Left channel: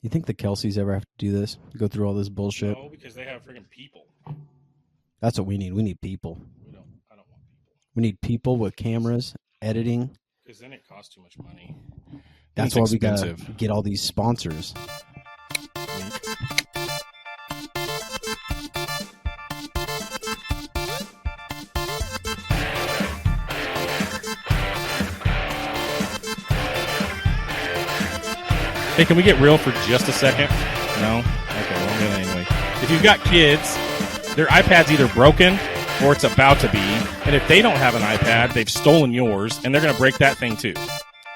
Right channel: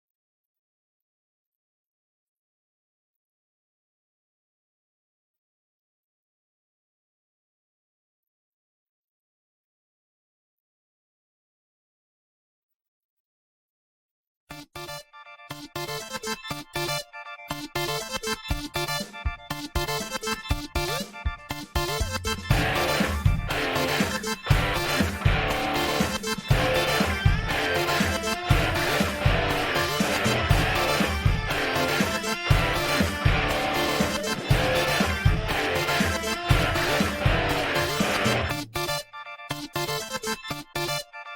You think the Kelseys ever have to do this? Go through all this bullshit? No, because they have freaking people. That's what we need. We need people. I don't want people. We need people with cameras, editing. Because then it costs too much money. That's why we gotta get all these sponsors. Hey, can we get real for just a second? No? Anyway. If you've got kids, their iPad's either broken or it's about to be. And if they don't have an iPad, they've stolen yours, and they're going to break that thing too.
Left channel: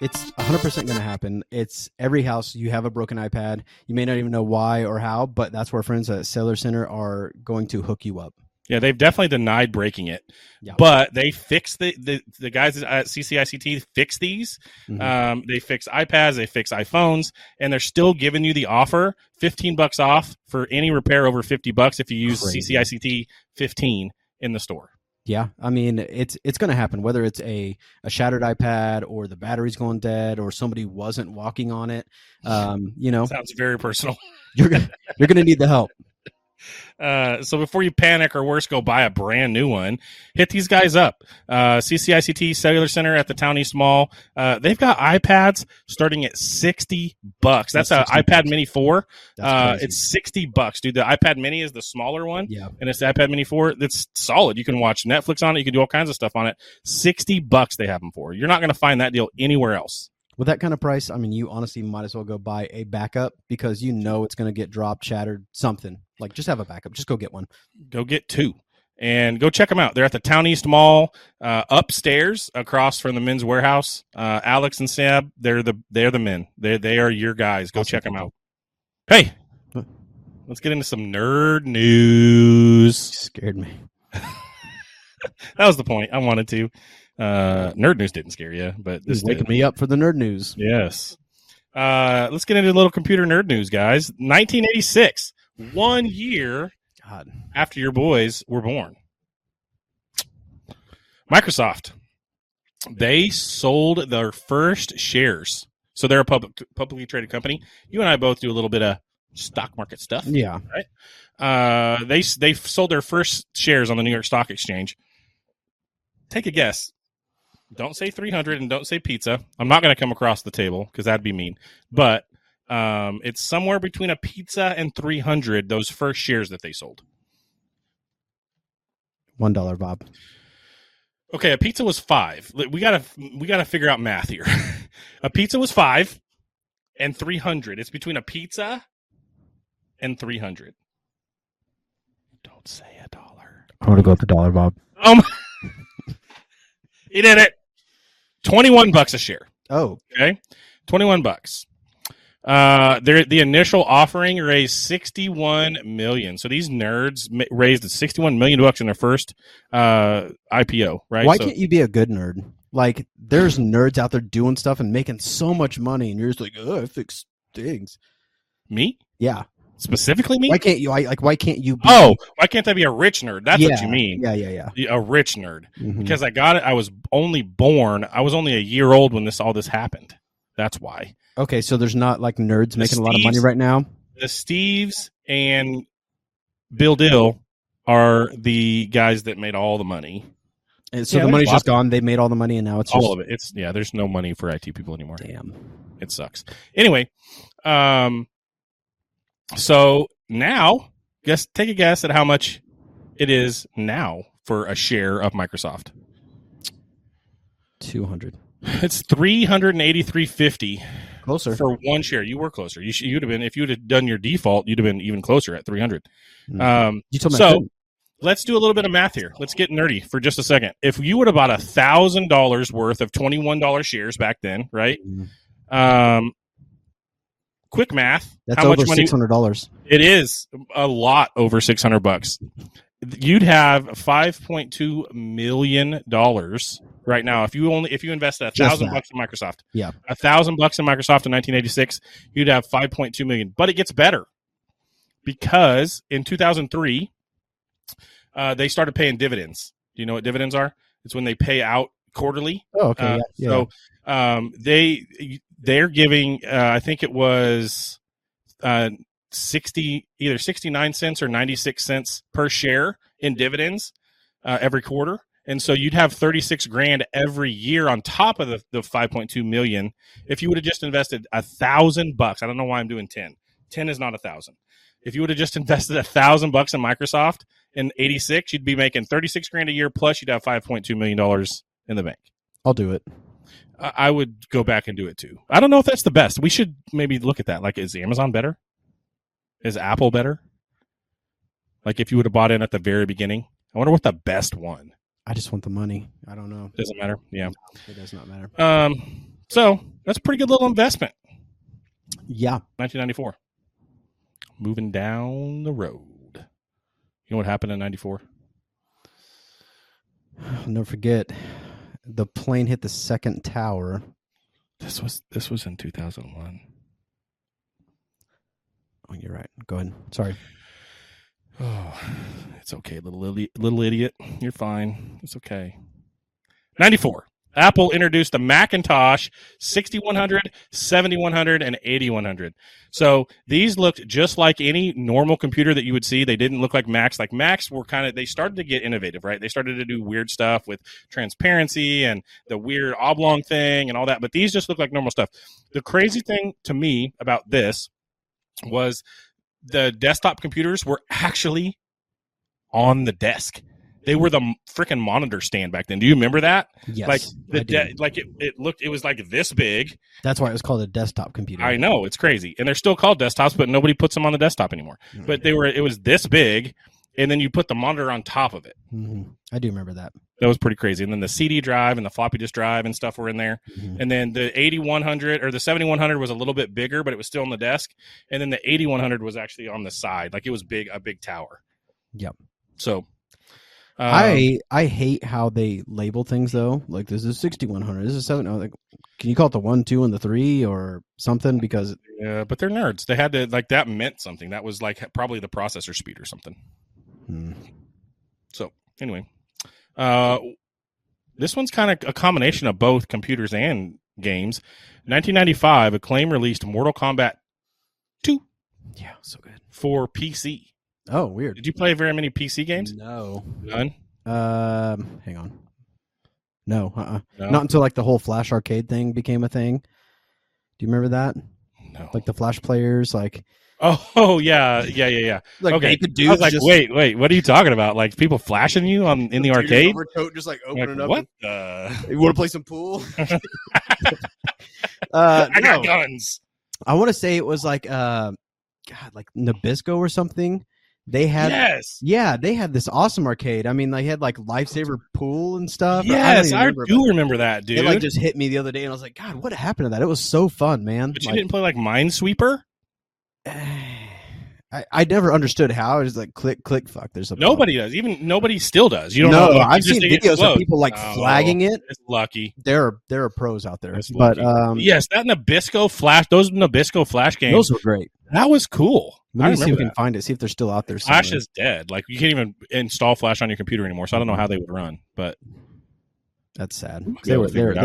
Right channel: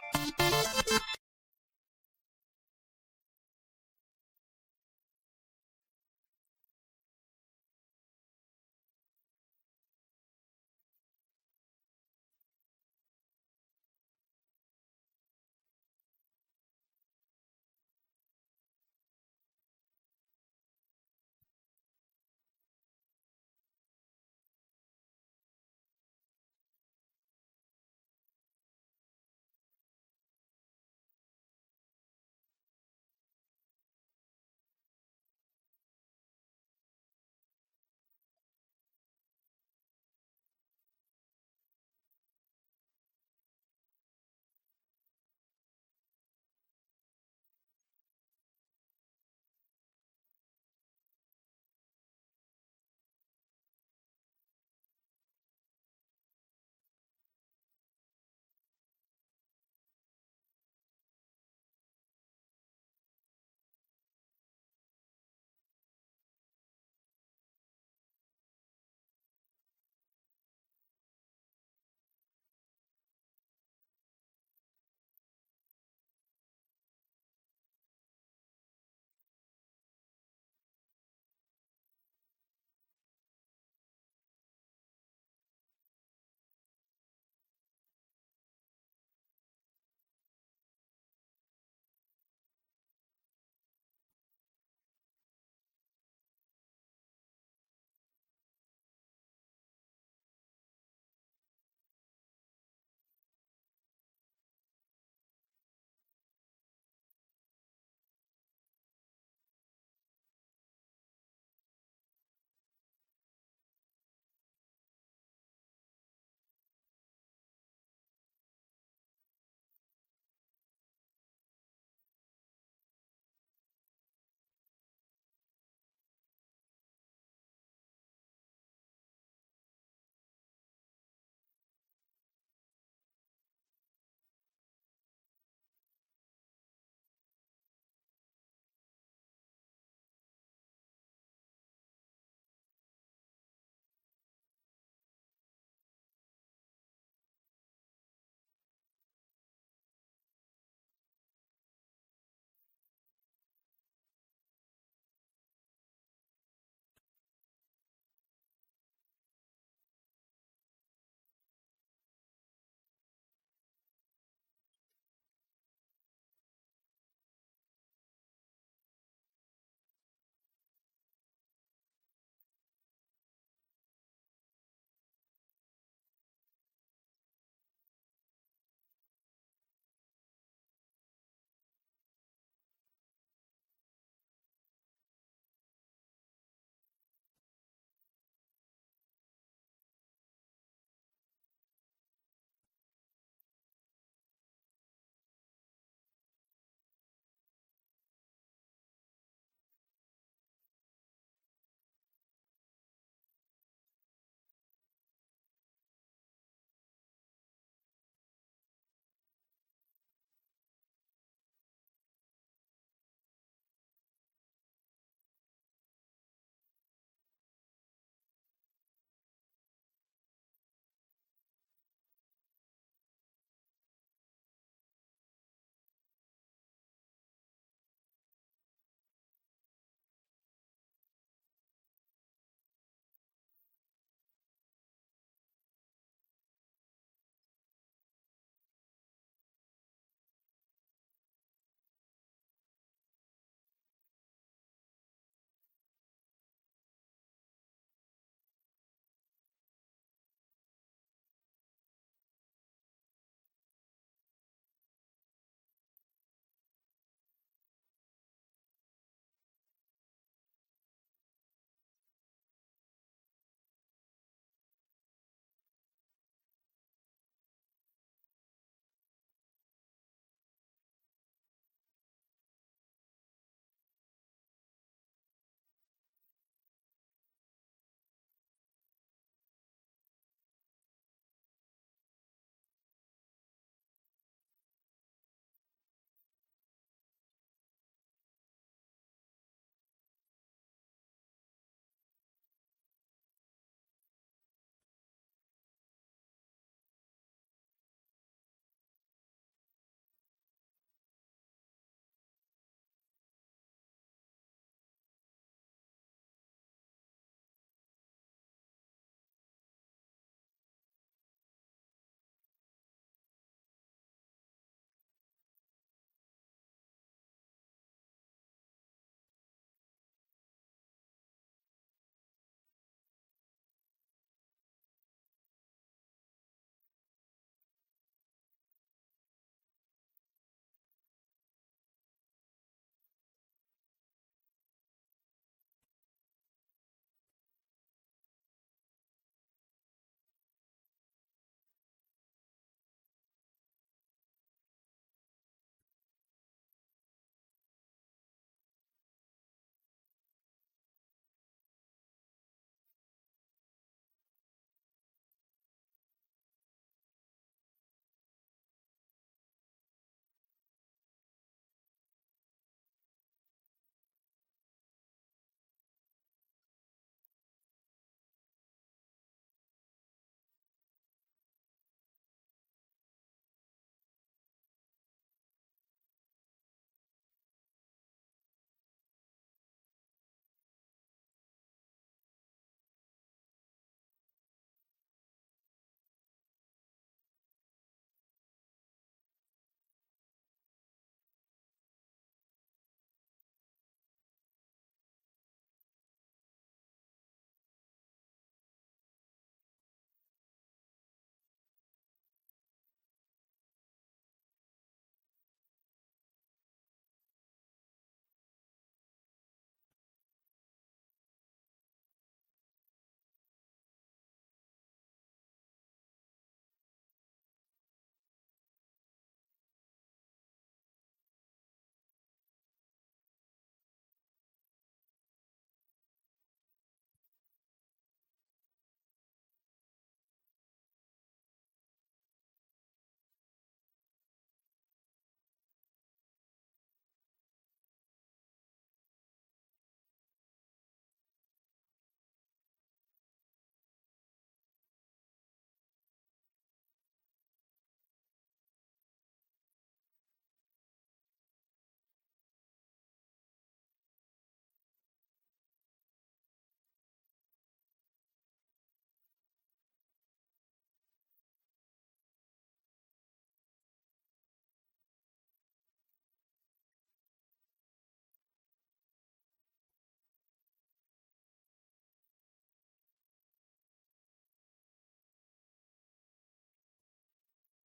It's 100% going to happen. It's every house you have a broken iPad. You may not even know why or how, but that's where friends at Sailor Center are going to hook you up. Yeah, they've definitely denied breaking it. Yeah. But they fix the guys at CCICT fix these. Mm-hmm. They fix iPads, they fix iPhones, and they're still giving you the offer, $15 off for any repair over $50 if you use CCICT 15 in the store. Yeah, I mean, it's going to happen, whether it's a shattered iPad or the battery's going dead or somebody wasn't walking on it. Sounds very personal. You're gonna need the help. So before you panic or worse, go buy a brand new one. Hit these guys up. CCICT Cellular Center at the Town East Mall. They've got iPads starting at $60. That's an iPad Mini 4. It's $60, dude. The iPad Mini is the smaller one. Yeah. And it's the iPad Mini 4. That's solid. You can watch Netflix on it. You can do all kinds of stuff on it. $60 they have them for. You're not going to find that deal anywhere else. With that kind of price, I mean, you honestly might as well go buy a backup because you know it's going to get dropped, shattered, something. Like, just have a backup. Just go get one. Go get two. And go check them out. They're at the Town East Mall, upstairs, across from the Men's Warehouse. Alex and Seb, they're the men. They are your guys. Go check them out. Hey, let's get into some nerd news. You scared me. That was the point. I wanted to. Nerd news didn't scare you, but this waking me up for the nerd news. Yes. Let's get into a little computer nerd news, guys. 1986, 1 year after your boys were born. Microsoft, they sold their first shares. So they're a publicly traded company. You and I both do a little bit of stock market stuff. Yeah. Right? They sold their first shares on the New York Stock Exchange. Take a guess. Don't say 300 and don't say pizza. I'm not going to come across the table because that'd be mean. But it's somewhere between a pizza and 300, those first shares that they sold. $1, Bob. Okay, a pizza was $5. We gotta figure out math here. A pizza was $5 and 300. It's between a pizza and 300. Don't say $1. I want to go with $1, Bob. He did it. $21 a share. Oh, okay, $21. The initial offering raised $61 million. So these nerds raised $61 million in their first IPO. Right? Why can't you be a good nerd? Like, there's nerds out there doing stuff and making so much money, and you're just like, oh, I fix things. Me? Yeah. Specifically me? Why can't you? Why can't you be? Oh, why can't I be a rich nerd? That's what you mean. Yeah. A rich nerd. Mm-hmm. Because I got it. I was only a year old when all this happened. That's why. Okay, so there's not like nerds making a lot of money right now? The Steves and Bill Dill are the guys that made all the money. And so the money's just gone. They made all the money, and now it's all of it. There's no money for IT people anymore. Damn. It sucks. Anyway, so now, take a guess at how much it is now for a share of Microsoft. 200. It's $383.50. Closer for one share. You were closer. You'd have been, if you would have done your default, you'd have been even closer at 300. You told me. So let's do a little bit of math here. Let's get nerdy for just a second. If you would have bought $1,000 worth of $21 shares back then, right? Quick math. That's how over much money? $600. It is a lot over $600. You'd have $5.2 million right now. If you invested $1,000 in Microsoft, yeah, $1,000 in Microsoft in 1986, you'd have $5.2 million. But it gets better because in 2003, they started paying dividends. Do you know what dividends are? It's when they pay out quarterly. Oh, okay. So they're giving, I think it was either 69 cents or 96 cents per share in dividends every quarter. And so you'd have 36 grand every year on top of the 5.2 million. If you would have just invested $1,000, I don't know why I'm doing 10. 10 is not 1,000. If you would have just invested $1,000 in Microsoft in 86, you'd be making 36 grand a year. Plus you'd have $5.2 million in the bank. I'll do it. I would go back and do it too. I don't know if that's the best. We should maybe look at that. Like, is Amazon better? Is Apple better? Like, if you would have bought in at the very beginning, I wonder what the best one. I just want the money. I don't know. Doesn't matter. Yeah, it does not matter. So that's a pretty good little investment. Yeah. 1994. Moving down the road. You know what happened in 94? I'll never forget. The plane hit the second tower. This was in 2001. Oh, you're right. Go ahead. Sorry. Oh, it's okay, little idiot. You're fine. It's okay. 94. Apple introduced the Macintosh 6100, 7100, and 8100. So these looked just like any normal computer that you would see. They didn't look like Macs. Like Macs were they started to get innovative, right? They started to do weird stuff with transparency and the weird oblong thing and all that. But these just look like normal stuff. The crazy thing to me about this was the desktop computers were actually on the desk. They were the freaking monitor stand back then. Do you remember that? Yes. Like it was like this big. That's why it was called a desktop computer. I know, it's crazy. And they're still called desktops, but nobody puts them on the desktop anymore. Mm-hmm. But it was this big, and then you put the monitor on top of it. Mm-hmm. I do remember that. That was pretty crazy. And then the CD drive and the floppy disk drive and stuff were in there. Mm-hmm. And then the 8100 or the 7100 was a little bit bigger, but it was still on the desk. And then the 8100 was actually on the side. Like it was a big tower. Yep. So I hate how they label things though. Like this is 6100. This is 7. Like, can you call it the 1, 2, and the 3 or something? Because yeah, but they're nerds. They had to that meant something. That was like probably the processor speed or something. So anyway, this one's kind of a combination of both computers and games. 1995, Acclaim released Mortal Kombat 2. Yeah, so good for PC. Oh, weird. Did you play very many PC games? No. None? Hang on. No, No? Not until like the whole Flash arcade thing became a thing. Do you remember that? No. Like the Flash players, like. Oh yeah. Like okay. naked dudes. I was like, wait, what are you talking about? Like people flashing you in the arcade? Overcoat just like opening up. What? You want to play some pool? I got guns. I want to say it was like like Nabisco or something. They had they had this awesome arcade. I mean, they had like Lifesaver pool and stuff. Yes, I do remember that, dude. It like just hit me the other day, and I was like, God, what happened to that? It was so fun, man. But you didn't play like Minesweeper? I never understood how. It was like click, fuck. There's a nobody does. Even nobody still does. You don't know. I've seen videos of people like flagging it. It's lucky. There are pros out there. But yes, that Nabisco Flash, those Nabisco Flash games, those were great. That was cool. Let me see if we can find it. See if they're still out there. Flash is dead. Like you can't even install Flash on your computer anymore. So I don't know how they would run. But that's sad. They were good.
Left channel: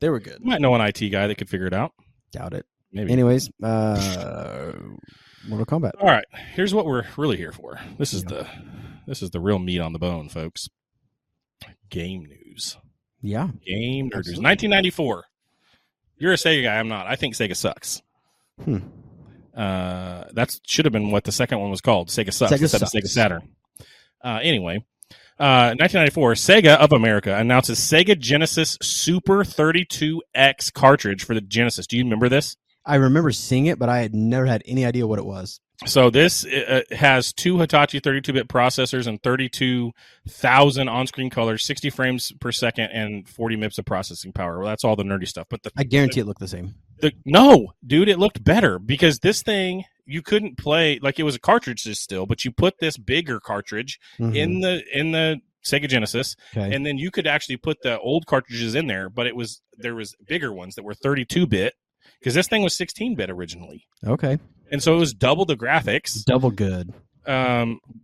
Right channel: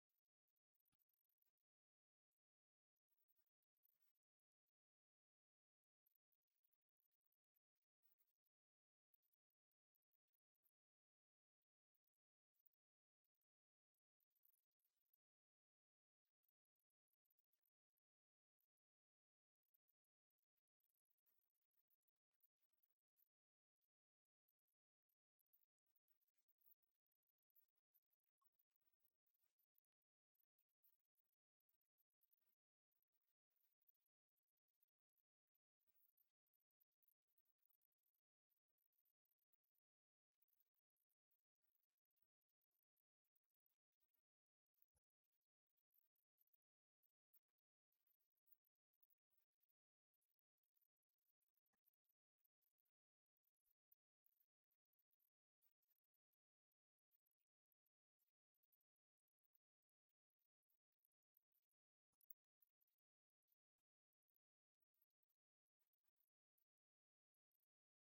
They were good. You might know an IT guy that could figure it out. Doubt it. Maybe. Anyways, Mortal Kombat. All right. Here's what we're really here for. This is the real meat on the bone, folks. Game news. Yeah. Game news. 1994. You're a Sega guy. I'm not. I think Sega sucks. That should have been what the second one was called. Sega sucks instead of Sega Saturn. Anyway, 1994, Sega of America announces Sega Genesis Super 32X cartridge for the Genesis. Do you remember this? I remember seeing it, but I had never had any idea what it was. So this has two Hitachi 32-bit processors and 32,000 on-screen colors, 60 frames per second, and 40 MIPS of processing power. Well, that's all the nerdy stuff. But I guarantee it looked the same. No, dude, it looked better because this thing you couldn't play like it was a cartridge still, but you put this bigger cartridge in the Sega Genesis, and then you could actually put the old cartridges in there. But there was bigger ones that were 32-bit because this thing was 16-bit originally. Okay. And so it was double the graphics. Double good.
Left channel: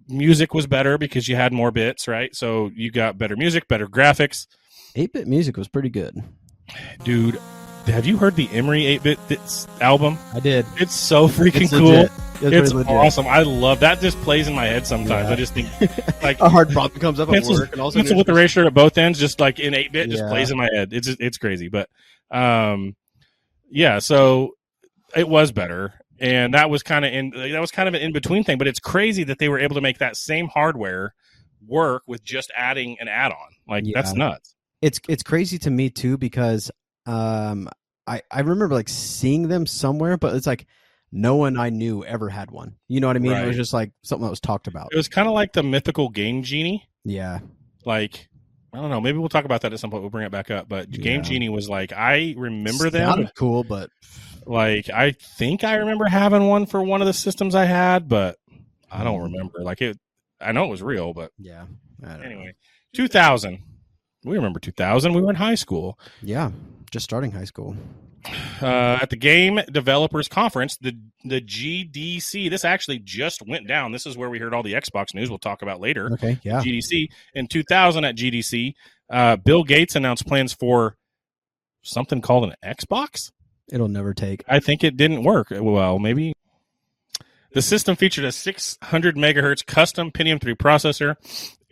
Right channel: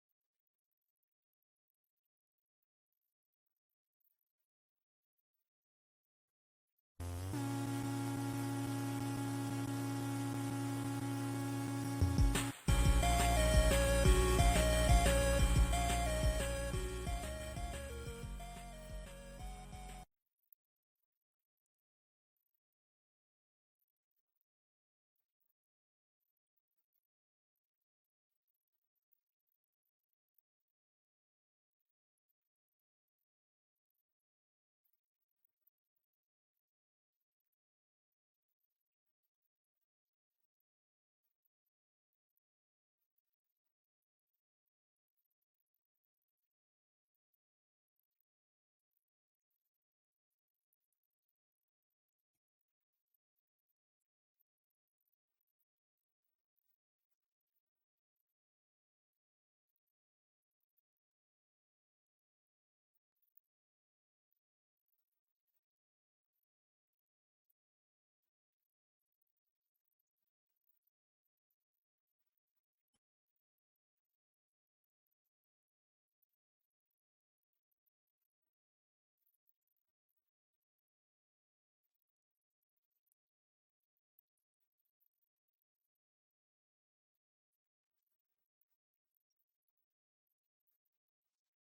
Music was better because you had more bits, right? So you got better music, better graphics. 8-bit music was pretty good. Dude, have you heard the Emery 8-bit album? I did. It's so freaking It's cool. legit. It's really legit. awesome. I love that. Just plays in my head sometimes. Yeah. I just think like A hard problem comes up at pencil work, and also with erasure at both ends, just like in 8-bit, just Yeah. plays in my head. It's crazy, but yeah. So it was better, and that was kind of an in between thing. But it's crazy that they were able to make that same hardware work with just adding an add-on. Like that's nuts. It's crazy to me too, because I remember like seeing them somewhere, but it's like no one I knew ever had one. You know what I mean? Right. It was just like something that was talked about. It was kind of like the mythical Game Genie. Yeah. Like, I don't know. Maybe we'll talk about that at some point. We'll bring it back up. But Game Genie was like, I remember them. Sounded cool, but like, I think I remember having one for one of the systems I had, but I don't remember. Like it, I know it was real, but yeah. Anyway, 2000. We remember 2000. We were in high school. Yeah, just starting high school. At the Game Developers Conference, the GDC. This actually just went down. This is where we heard all the Xbox news. We'll talk about later. Okay, yeah. GDC in 2000 at GDC, Bill Gates announced plans for something called an Xbox. It'll never take. I think it didn't work well. Maybe the system featured a 600 megahertz custom Pentium 3 processor,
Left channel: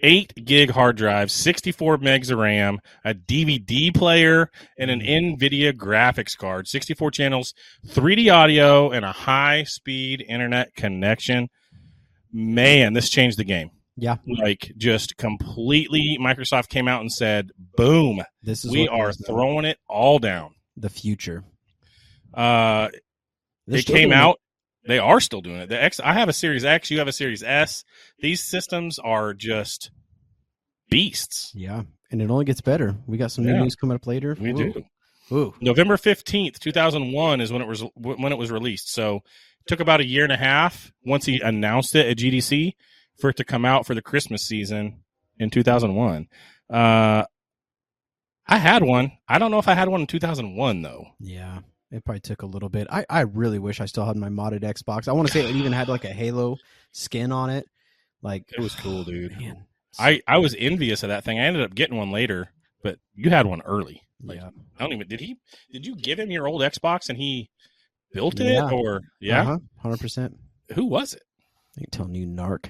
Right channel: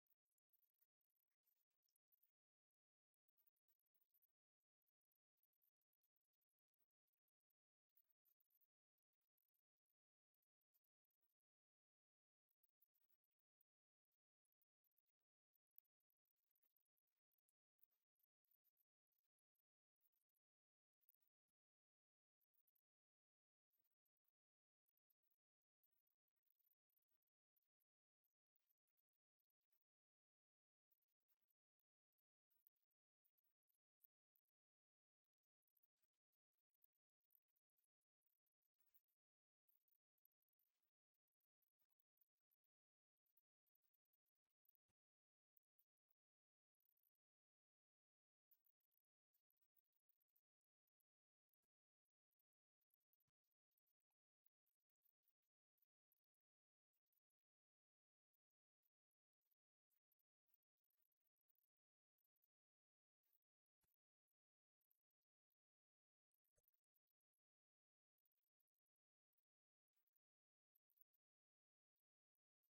8 gig hard drive, 64 megs of RAM, a DVD player, and an NVIDIA graphics card, 64 channels, 3D audio, and a high-speed internet connection. Man, this changed the game. Yeah. Like, just completely, Microsoft came out and said, boom, we are throwing it all down. The future. It came out. They are still doing it. I have a Series X. You have a Series S. These systems are just beasts. Yeah, and it only gets better. We got some new news coming up later. We do. Ooh. November 15th, 2001 is when it was released. So it took about a year and a half once he announced it at GDC for it to come out for the Christmas season in 2001. I had one. I don't know if I had one in 2001 though. Yeah. It probably took a little bit. I really wish I still had my modded Xbox. I want to say it even had like a Halo skin on it. Like it was cool, dude. Man. I was envious of that thing. I ended up getting one later, but you had one early. Like, yeah. I don't even did you give him your old Xbox and he built it or 100%. Who was it? I ain't telling you, narc.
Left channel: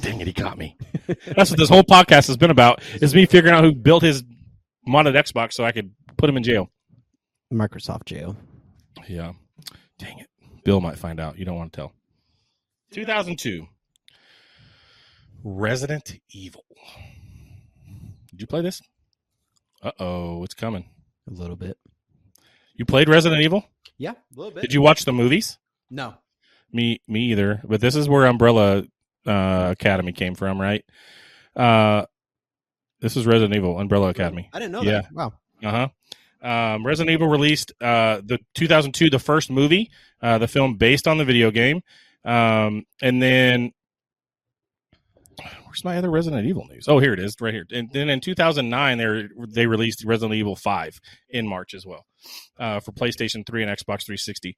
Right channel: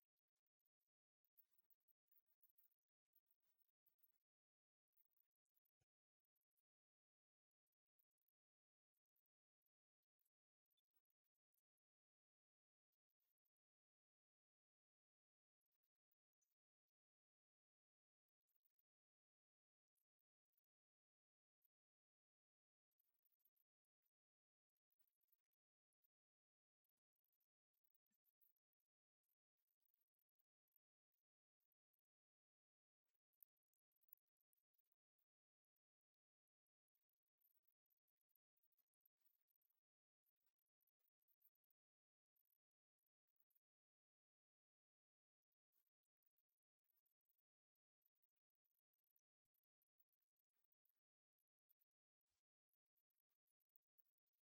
Dang it, he got me. That's what this whole podcast has been about, is me figuring out who built his modded Xbox so I could put him in jail. Microsoft jail. Yeah. Dang it. Bill might find out. You don't want to tell. 2002. Resident Evil. Did you play this? Uh-oh, it's coming. A little bit. You played Resident Evil? Yeah, a little bit. Did you watch the movies? No. Me either. But this is where Umbrella Academy came from, right? This is Resident Evil, Umbrella Academy. I didn't know that. Wow. Resident Evil released the 2002, the first movie, the film based on the video game. And then where's my other Resident Evil news? Oh, here it is, right here. And then in 2009, they released Resident Evil 5 in March as well for PlayStation 3 and Xbox 360.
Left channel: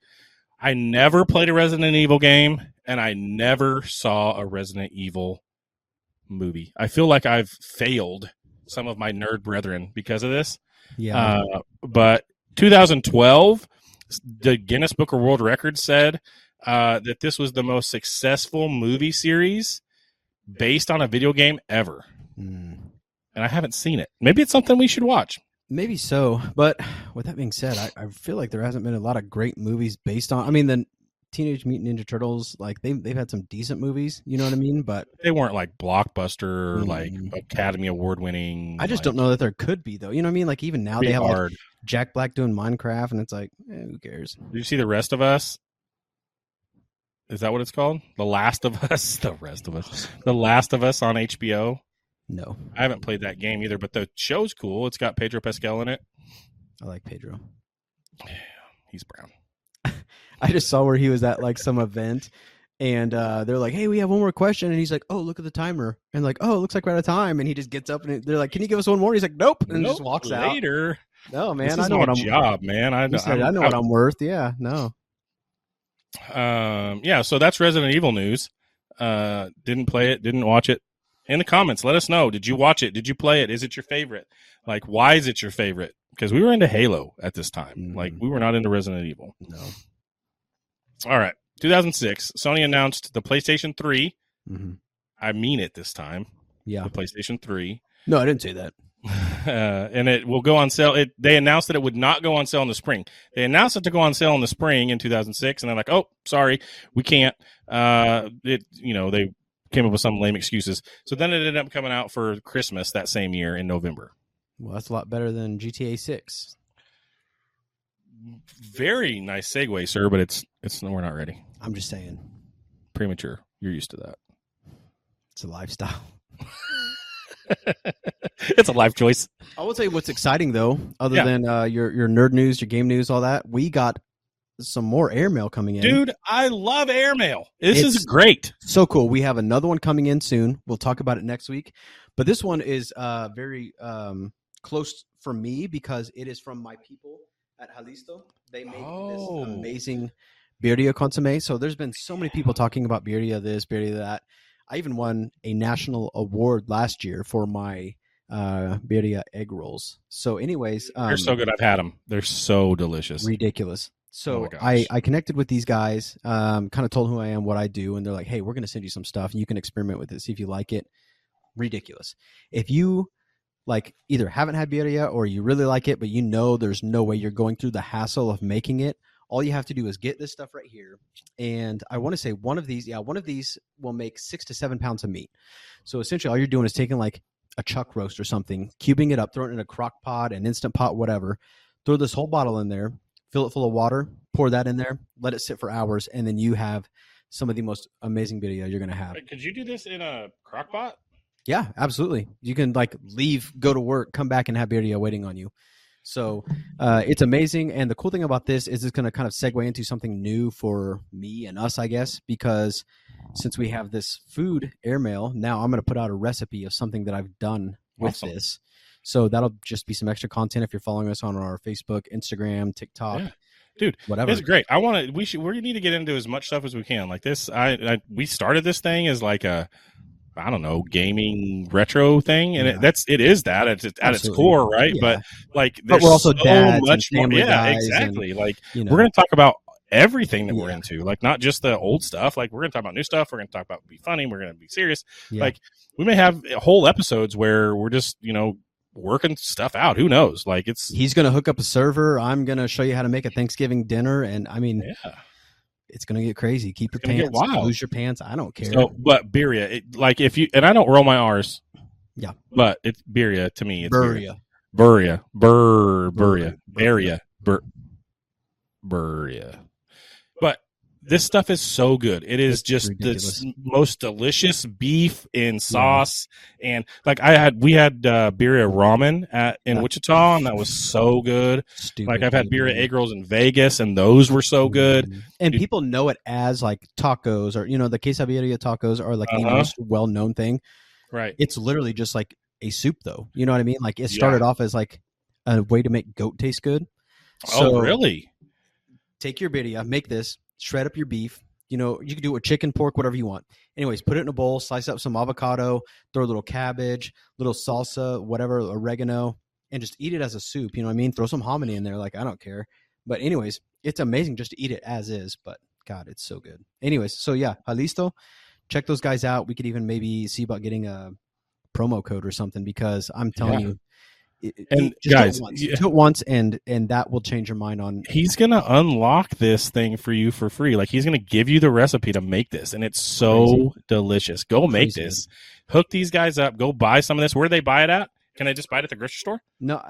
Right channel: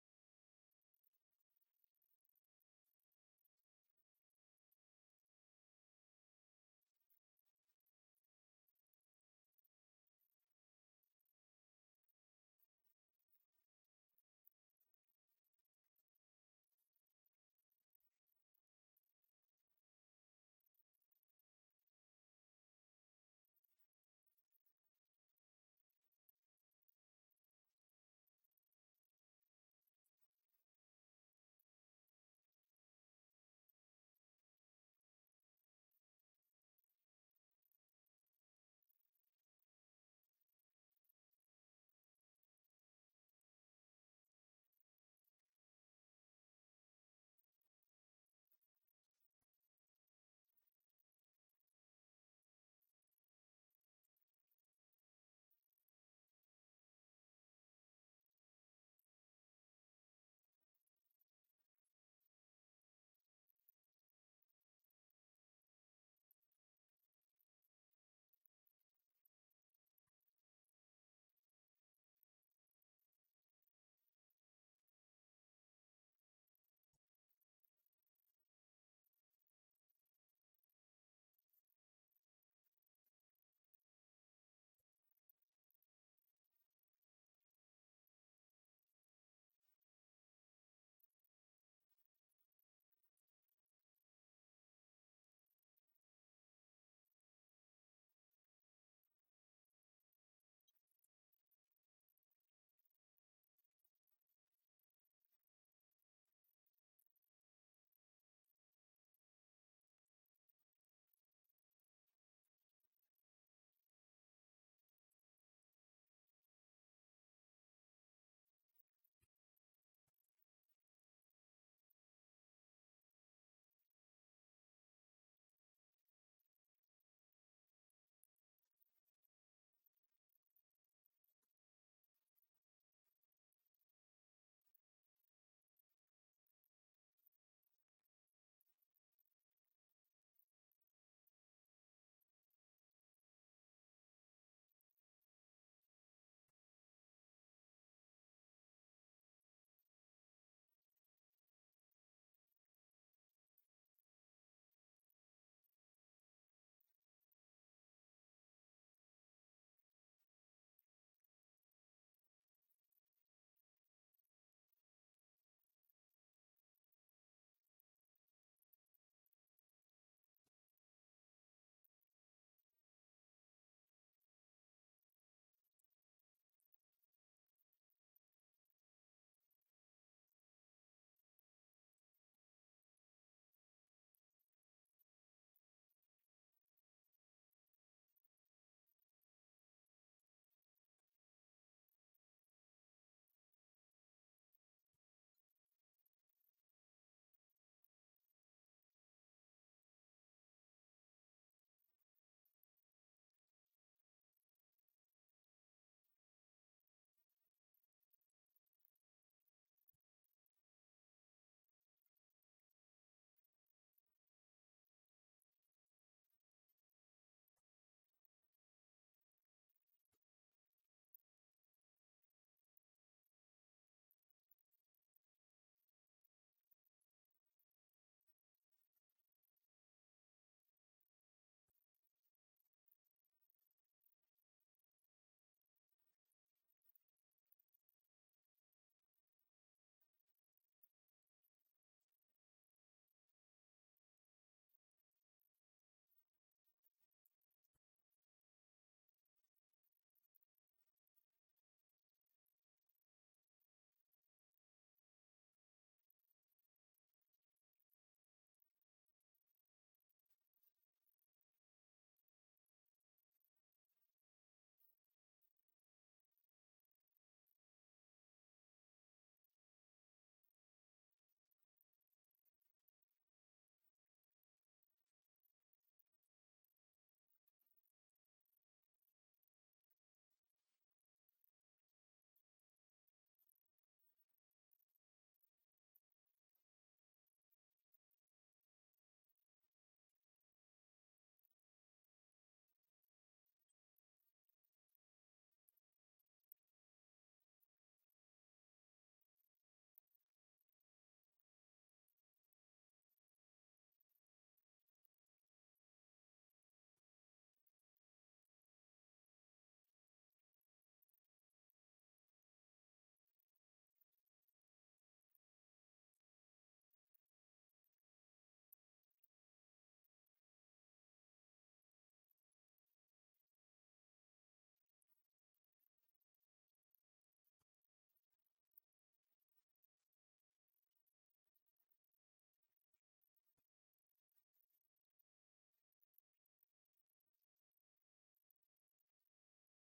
I never played a Resident Evil game, and I never saw a Resident Evil movie. I feel like I've failed some of my nerd brethren because of this. Yeah. But 2012, the Guinness Book of World Records said that this was the most successful movie series based on a video game ever. And I haven't seen it. Maybe it's something we should watch. Maybe so. But with that being said, I feel like there hasn't been a lot of great movies based on. I mean, the Teenage Mutant Ninja Turtles, like they've had some decent movies. You know what I mean? But they weren't like blockbuster, or like Academy Award winning. I just don't know that there could be though. You know what I mean? Like even now they have hard. Like Jack Black doing Minecraft, and it's like, who cares? Did you see The Rest of Us? Is that what it's called? The Last of Us? The Rest of Us. The Last of Us on HBO? No. I haven't played that game either, but the show's cool. It's got Pedro Pascal in it. I like Pedro. He's brown. I just saw where he was at like some event, and they're like, hey, we have one more question. And he's like, oh, look at the timer. And like, oh, it looks like we're out of time. And he just gets up, and they're like, can you give us one more? He's like, nope. And just walks out. Later. No, man. This I is know my what I'm job, man. I know what I'm worth. Yeah, no. Yeah, so that's Resident Evil news. Didn't play it, didn't watch it. In the comments, let us know. Did you watch it? Did you play it? Is it your favorite? Like, why is it your favorite? Because we were into Halo at this time. Like, we were not into Resident Evil. No. All right. 2006, Sony announced the PlayStation 3. Mm-hmm. I mean it this time. Yeah. The PlayStation 3. No, I didn't say that. And it will go on sale. They announced that it would not go on sale in the spring. They announced it to go on sale in the spring in 2006, and they're like, "Oh, sorry, we can't." They came up with some lame excuses. So then it ended up coming out for Christmas that same year in November. Well, that's a lot better than GTA 6. Very nice segue, sir, but it's we're not ready. I'm just saying. Premature. You're used to that. It's a lifestyle. It's a life choice. I will tell you what's exciting though, other than your nerd news, your game news, all that. We got some more airmail coming in. Dude, I love airmail. This is great. So cool. We have another one coming in soon. We'll talk about it next week. But this one is very close for me because it is from my people at Jalisto. They make this amazing Beardia consomme. So there's been so many people talking about Beardia this, Beardia that. I even won a national award last year for my Beardia egg rolls. So anyways. They're so good. I've had them. They're so delicious. Ridiculous. So oh I connected with these guys, kind of told who I am, what I do, and they're like, hey, we're going to send you some stuff, and you can experiment with it, see if you like it. Ridiculous. If you like either haven't had Beardia or you really like it, but you know there's no way you're going through the hassle of making it, all you have to do is get this stuff right here. And I want to say one of these will make 6 to 7 pounds of meat. So essentially all you're doing is taking like a chuck roast or something, cubing it up, throwing it in a crock pot, an Instant Pot, whatever, throw this whole bottle in there, fill it full of water, pour that in there, let it sit for hours, and then you have some of the most amazing Beardia you're going to have. Wait, could you do this in a crock pot? Yeah, absolutely. You can like leave, go to work, come back and have Beardia waiting on you. So it's amazing. And the cool thing about this is it's going to kind of segue into something new for me and us, I guess, because since we have this food airmail, now I'm going to put out a recipe of something that I've done with this. So that'll just be some extra content if you're following us on our Facebook, Instagram, TikTok. Yeah. Dude, whatever. It's great. We need to get into as much stuff as we can. Like this, we started this thing as like a, I don't know, gaming retro thing, and it is that at its core, right? Yeah. But we're also so much more. Yeah, exactly. And, like we're going to talk about everything that we're into, like not just the old stuff. Like we're going to talk about new stuff. We're going to talk about be funny. We're going to be serious. Yeah. Like we may have whole episodes where we're just working stuff out. Who knows? Like he's going to hook up a server. I'm going to show you how to make a Thanksgiving dinner, and I mean, it's going to get crazy. Keep your pants, lose your pants. I don't care. So, but Beardia, if you, and I don't roll my R's. Yeah. But it's Beardia to me. It's Beardia. Beardia. But this stuff is so good. It is just the most delicious beef in sauce. And like we had Beardia ramen in Wichita, and that was so good. Like I've had Beardia egg rolls in Vegas, and those were so good. And people know it as like tacos, or the quesadilla tacos are like the most well-known thing. Right. It's literally just like a soup, though. You know what I mean? Like it started off as like a way to make goat taste good. So, really? Take your Beardia, make this. Shred up your beef. You can do it with chicken, pork, whatever you want. Anyways, put it in a bowl, slice up some avocado, throw a little cabbage, little salsa, whatever, oregano, and just eat it as a soup. You know what I mean? Throw some hominy in there. Like, I don't care. But anyways, it's amazing just to eat it as is. But God, it's so good. Anyways, so yeah, Jalisto, check those guys out. We could even maybe see about getting a promo code or something, because I'm telling you, and guys, do it once, and that will change your mind on. He's gonna unlock this thing for you for free. Like he's gonna give you the recipe to make this, and it's so delicious. Go make this. Hook these guys up. Go buy some of this. Where do they buy it at? Can I just buy it at the grocery store? No,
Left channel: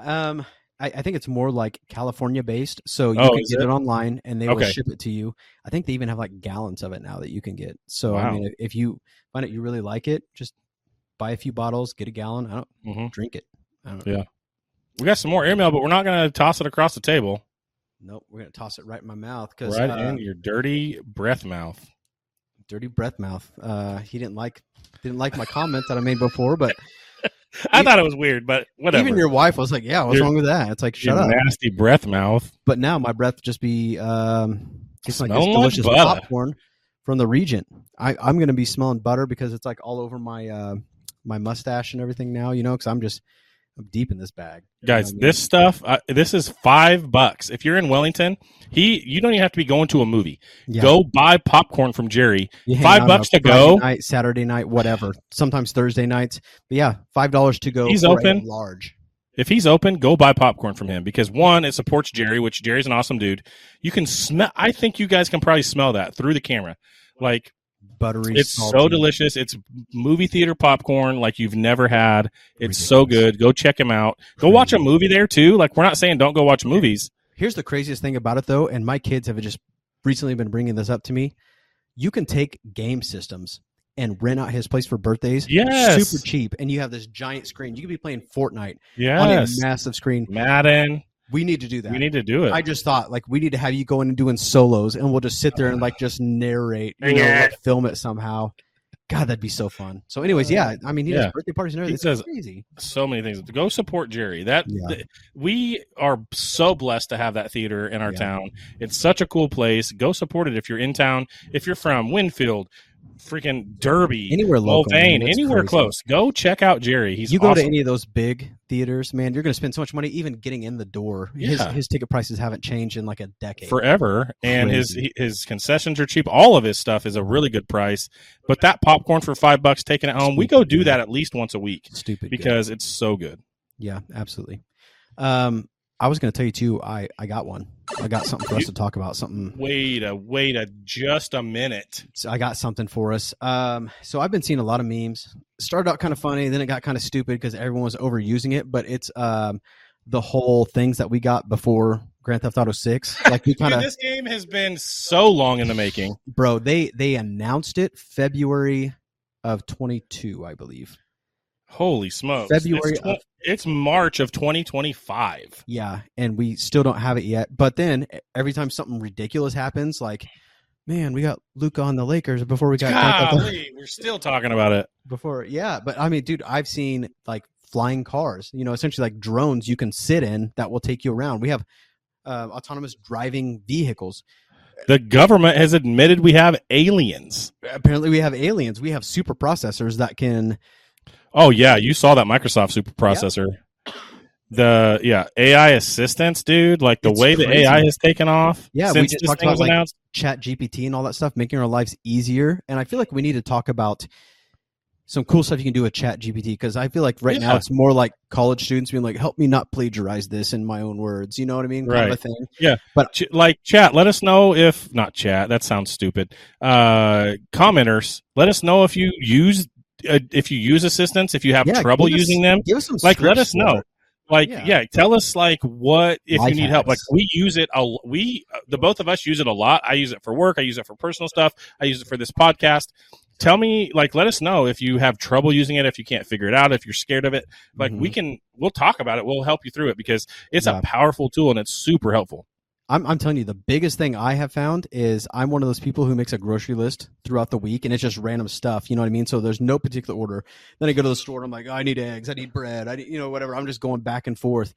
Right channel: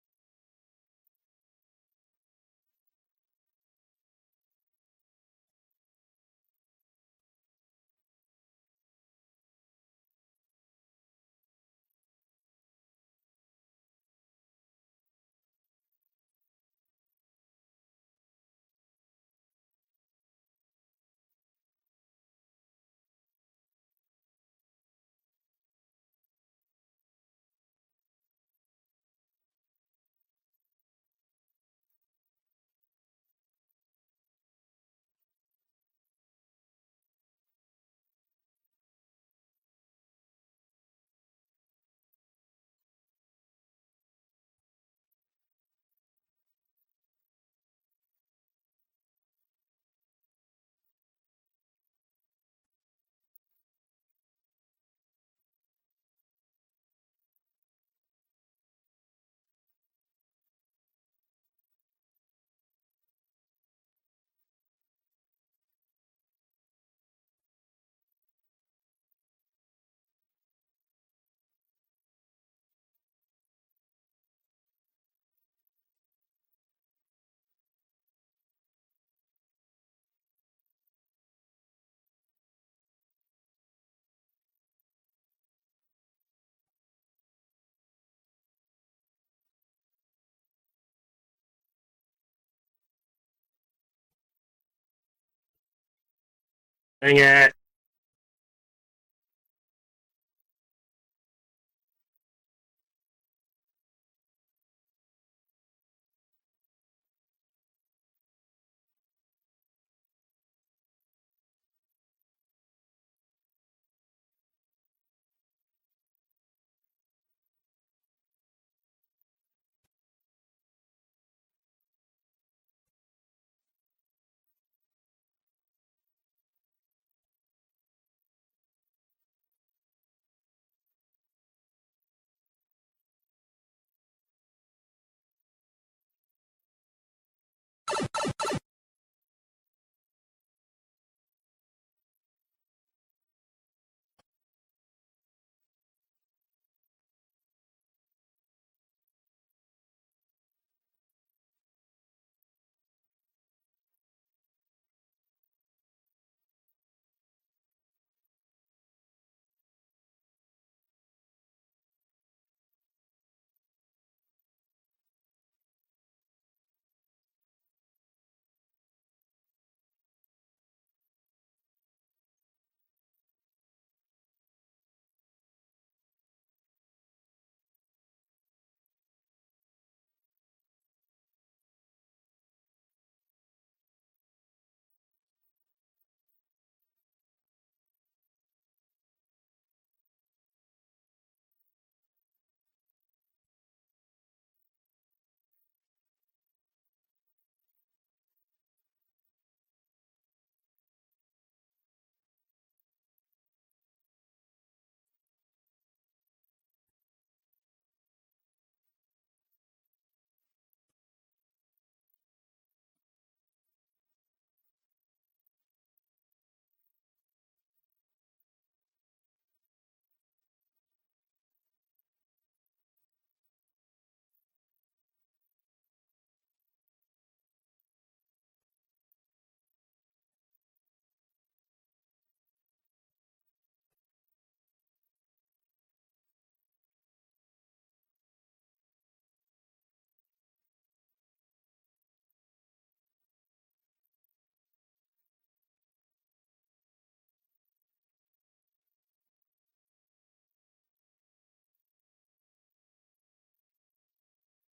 I think it's more like California based. So you can get it online, and they will ship it to you. I think they even have like gallons of it now that you can get. So I mean, if you find it you really like it, just buy a few bottles, get a gallon. Drink it. We got some more airmail, but we're not going to toss it across the table. Nope, we're going to toss it right in my mouth. Right in your dirty breath mouth. Dirty breath mouth. He didn't like my comment that I made before, but I thought it was weird, but whatever. Even your wife was like, "Yeah, what's wrong with that?" It's like, shut up, nasty breath mouth. But now my breath just be it's like this delicious popcorn from the Regent. I'm going to be smelling butter because it's like all over my my mustache and everything now. Because I'm just I'm deep in this bag. Guys, You know what I mean? this stuff, this is $5. If you're in Wellington, you don't even have to be going to a movie. Yeah. Go buy popcorn from Jerry. You hang out on $5 a to Friday go. night, Saturday night, whatever. Sometimes Thursday nights. But yeah, $5 to go He's for open. a large. If he's open, go buy popcorn from him because one, it supports Jerry, which Jerry's an awesome dude. You can smell. I think you guys can probably smell that through the camera. Like Buttery, it's salty. so delicious. It's movie theater popcorn like you've never had. It's so good. Go check him out. Go watch a movie there too. Like we're not saying don't go watch movies. Here's the craziest thing about it though, and my kids have just recently been bringing this up to me. You can take game systems and rent out his place for birthdays. Yes. Super cheap. And you have this giant screen. You could be playing Fortnite Yes. on a massive screen. Madden. We need to do that. We need to do it. I just thought like we need to have you going and doing solos and we'll just sit there and like just narrate, film it somehow. God, that'd be so fun. So anyways, yeah, I mean, he does birthday parties and everything. It's crazy. So many things. Go support Jerry. We are so blessed to have that theater in our town. It's such a cool place. Go support it if you're in town. If you're from Winfield, freaking Derby, anywhere local, Mulvane, anywhere close. Go check out Jerry. He's go awesome. to any of those big theaters, man, you're going to spend so much money even getting in the door. His ticket prices haven't changed in like a decade. Forever. And his concessions are cheap. All of his stuff is a really good price. But that popcorn for $5 taking it home, we go do that at least once a week. Stupid because it's so good. Yeah, absolutely. I was going to tell you too. I got one. I got something for us to talk about. Something. Wait just a minute. So I got something for us. So I've been seeing a lot of memes. It started out kind of funny, then it got kind of stupid because everyone was overusing it. But it's the whole things that we got before Grand Theft Auto 6. Like we kind of. This game has been so long in the making, bro. They announced it February of 22, I believe. Holy smokes! February. It's March of 2025. Yeah, and we still don't have it yet. But then every time something ridiculous happens, like, man, we got Luka on the Lakers before we got. We're still talking about it. But I mean, dude, I've seen like flying cars. You know, essentially like drones you can sit in that will take you around. We have autonomous driving vehicles. The government has admitted we have aliens. Apparently, we have aliens. We have super processors that can. Oh yeah, you saw that Microsoft super processor. Yeah. The AI assistants, dude, like it's way crazy. The AI has taken off. Yeah, since we just this talked thing about was announced. Chat GPT and all that stuff, making our lives easier. And I feel like we need to talk about some cool stuff you can do with Chat GPT because I feel like right now it's more like college students being like, "Help me not plagiarize this in my own words." You know what I mean? Kind of a thing. Yeah, but like chat, let us know if not chat. That sounds stupid. Commenters, let us know if you use assistants, if you have trouble using them, give us some let us know. Tell us like what if life you need help. Like we use it. The both of us use it a lot. I use it for work. I use it for personal stuff. I use it for this podcast. Tell me, let us know if you have trouble using it, if you can't figure it out, if you're scared of it. We'll talk about it. We'll help you through it because it's a powerful tool and it's super helpful. I'm telling you, the biggest thing I have found is I'm one of those people who makes a grocery list throughout the week, and it's just random stuff. You know what I mean? So there's no particular order. Then I go to the store, and I'm like, I need eggs, I need bread, I need, whatever. I'm just going back and forth.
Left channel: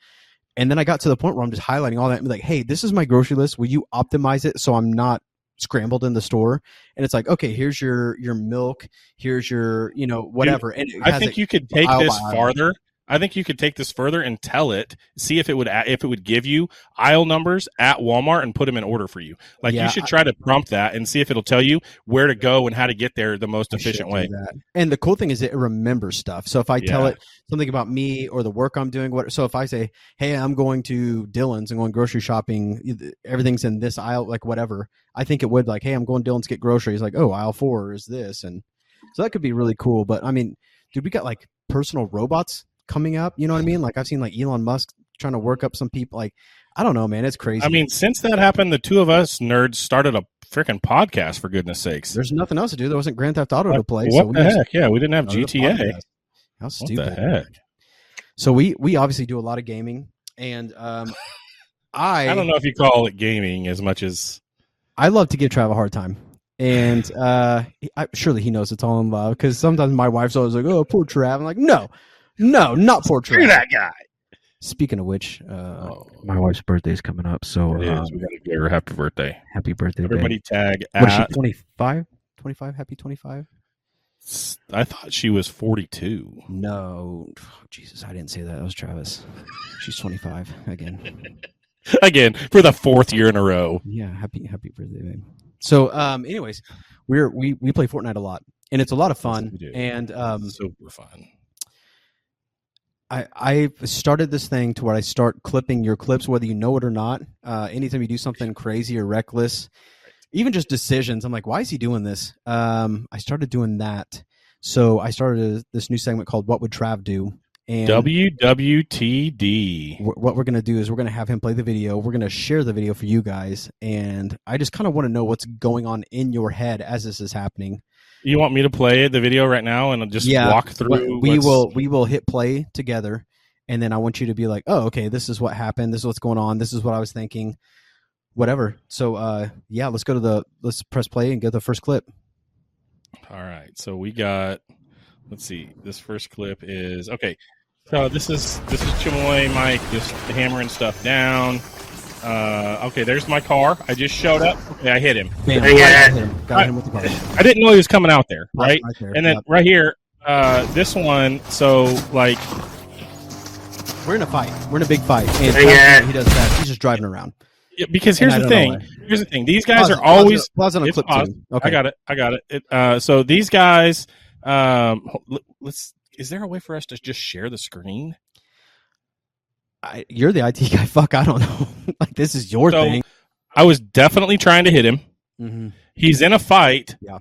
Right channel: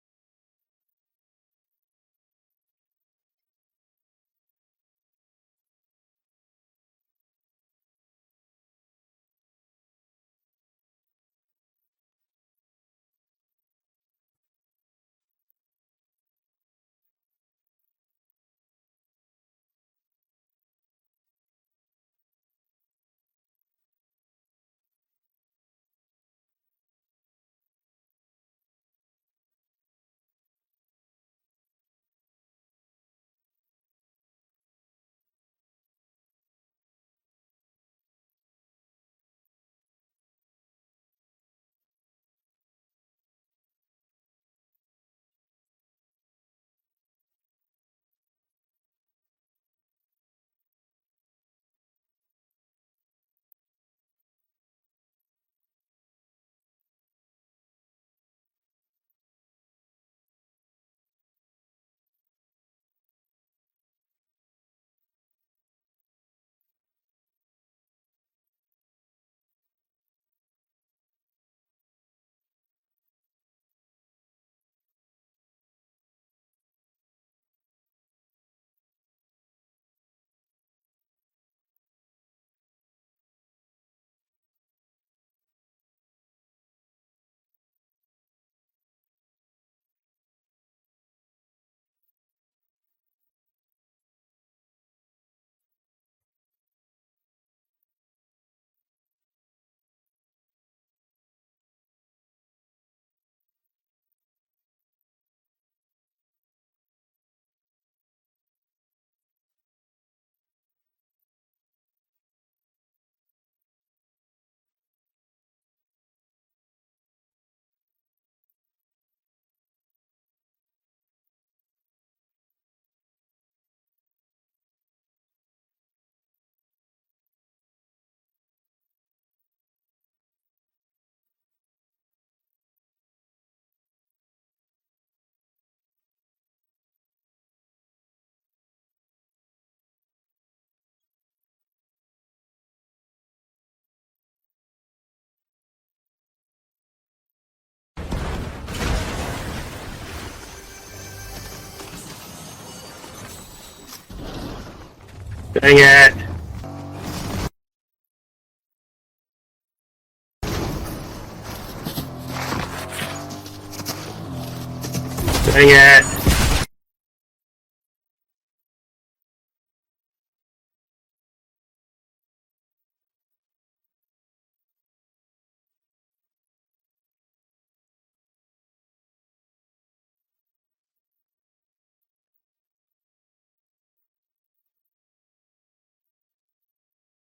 And then I got to the point where I'm just highlighting all that and be like, hey, this is my grocery list. Will you optimize it so I'm not scrambled in the store? And it's like, okay, here's your milk, here's your whatever. Dude, and I think you could take this farther. I think you could take this further and tell it, see if it would give you aisle numbers at Walmart and put them in order for you. You should try to prompt that and see if it'll tell you where to go and how to get there the most efficient way. And the cool thing is it remembers stuff. So if I tell it something about me or the work I'm doing, so if I say, hey, I'm going to Dillon's and going grocery shopping, everything's in this aisle, like whatever, I think it would hey, I'm going to Dillon's to get groceries. Like, oh, aisle 4 is this. And so that could be really cool. But I mean, dude, we got personal robots coming up, you know what I mean? I've seen Elon Musk trying to work up some people. I don't know, man, it's crazy. I mean, since that happened, the two of us nerds started a freaking podcast, for goodness sakes. There's nothing else to do. There wasn't Grand Theft Auto to play. What the heck? Yeah, we didn't have GTA. How stupid. What the heck? So we obviously do a lot of gaming, and I don't know if you call it gaming as much as I love to give Trav a hard time. And surely he knows it's all in love because sometimes my wife's always like, oh, poor Trav. I'm like, no, not poor Trav. Screw that guy. Speaking of which, my wife's birthday is coming up, so it is. We gotta give her a happy birthday. Happy birthday, everybody! Babe. Tag what is she? 25? 25? Happy 25. I thought she was 42. No, Jesus, I didn't say that. That was Travis. She's 25 again. Again, for the 4th year in a row. Yeah, happy birthday, babe. So, anyways, we play Fortnite a lot, and it's a lot of fun. Yes, we do. And super fun. I started this thing to where I start clipping your clips, whether you know it or not. Anytime you do something crazy or reckless, even just decisions, I'm like, why is he doing this? I started doing that. So I started this new segment called What Would Trav Do? And WWTD. what we're going to do is we're going to have him play the video. We're going to share the video for you guys. And I just kind of want to know what's going on in your head as this is happening. You want me to play the video right now and just walk through? We will hit play together. And then I want you to be like, oh, okay, this is what happened. This is what's going on. This is what I was thinking. Whatever. So, yeah, let's press play and get the first clip. All right. So we got, let's see. This first clip is, okay. So this is Chamoy Mike just hammering stuff down. Okay, there's my car. I just showed up. Yeah, I hit him. I didn't know he was coming out there, right? there. And then right here, this one, so like... We're in a fight. We're in a big fight. He does that. He's just driving around. Yeah, because here's the thing. These guys are always... Pause on a clip too. Okay. I got it. So these guys... Is there a way for us to just share the screen? You're the IT guy. Fuck, I don't know. Like, this is your thing. I was definitely trying to hit him. Mm-hmm. He's in a fight. Yeah.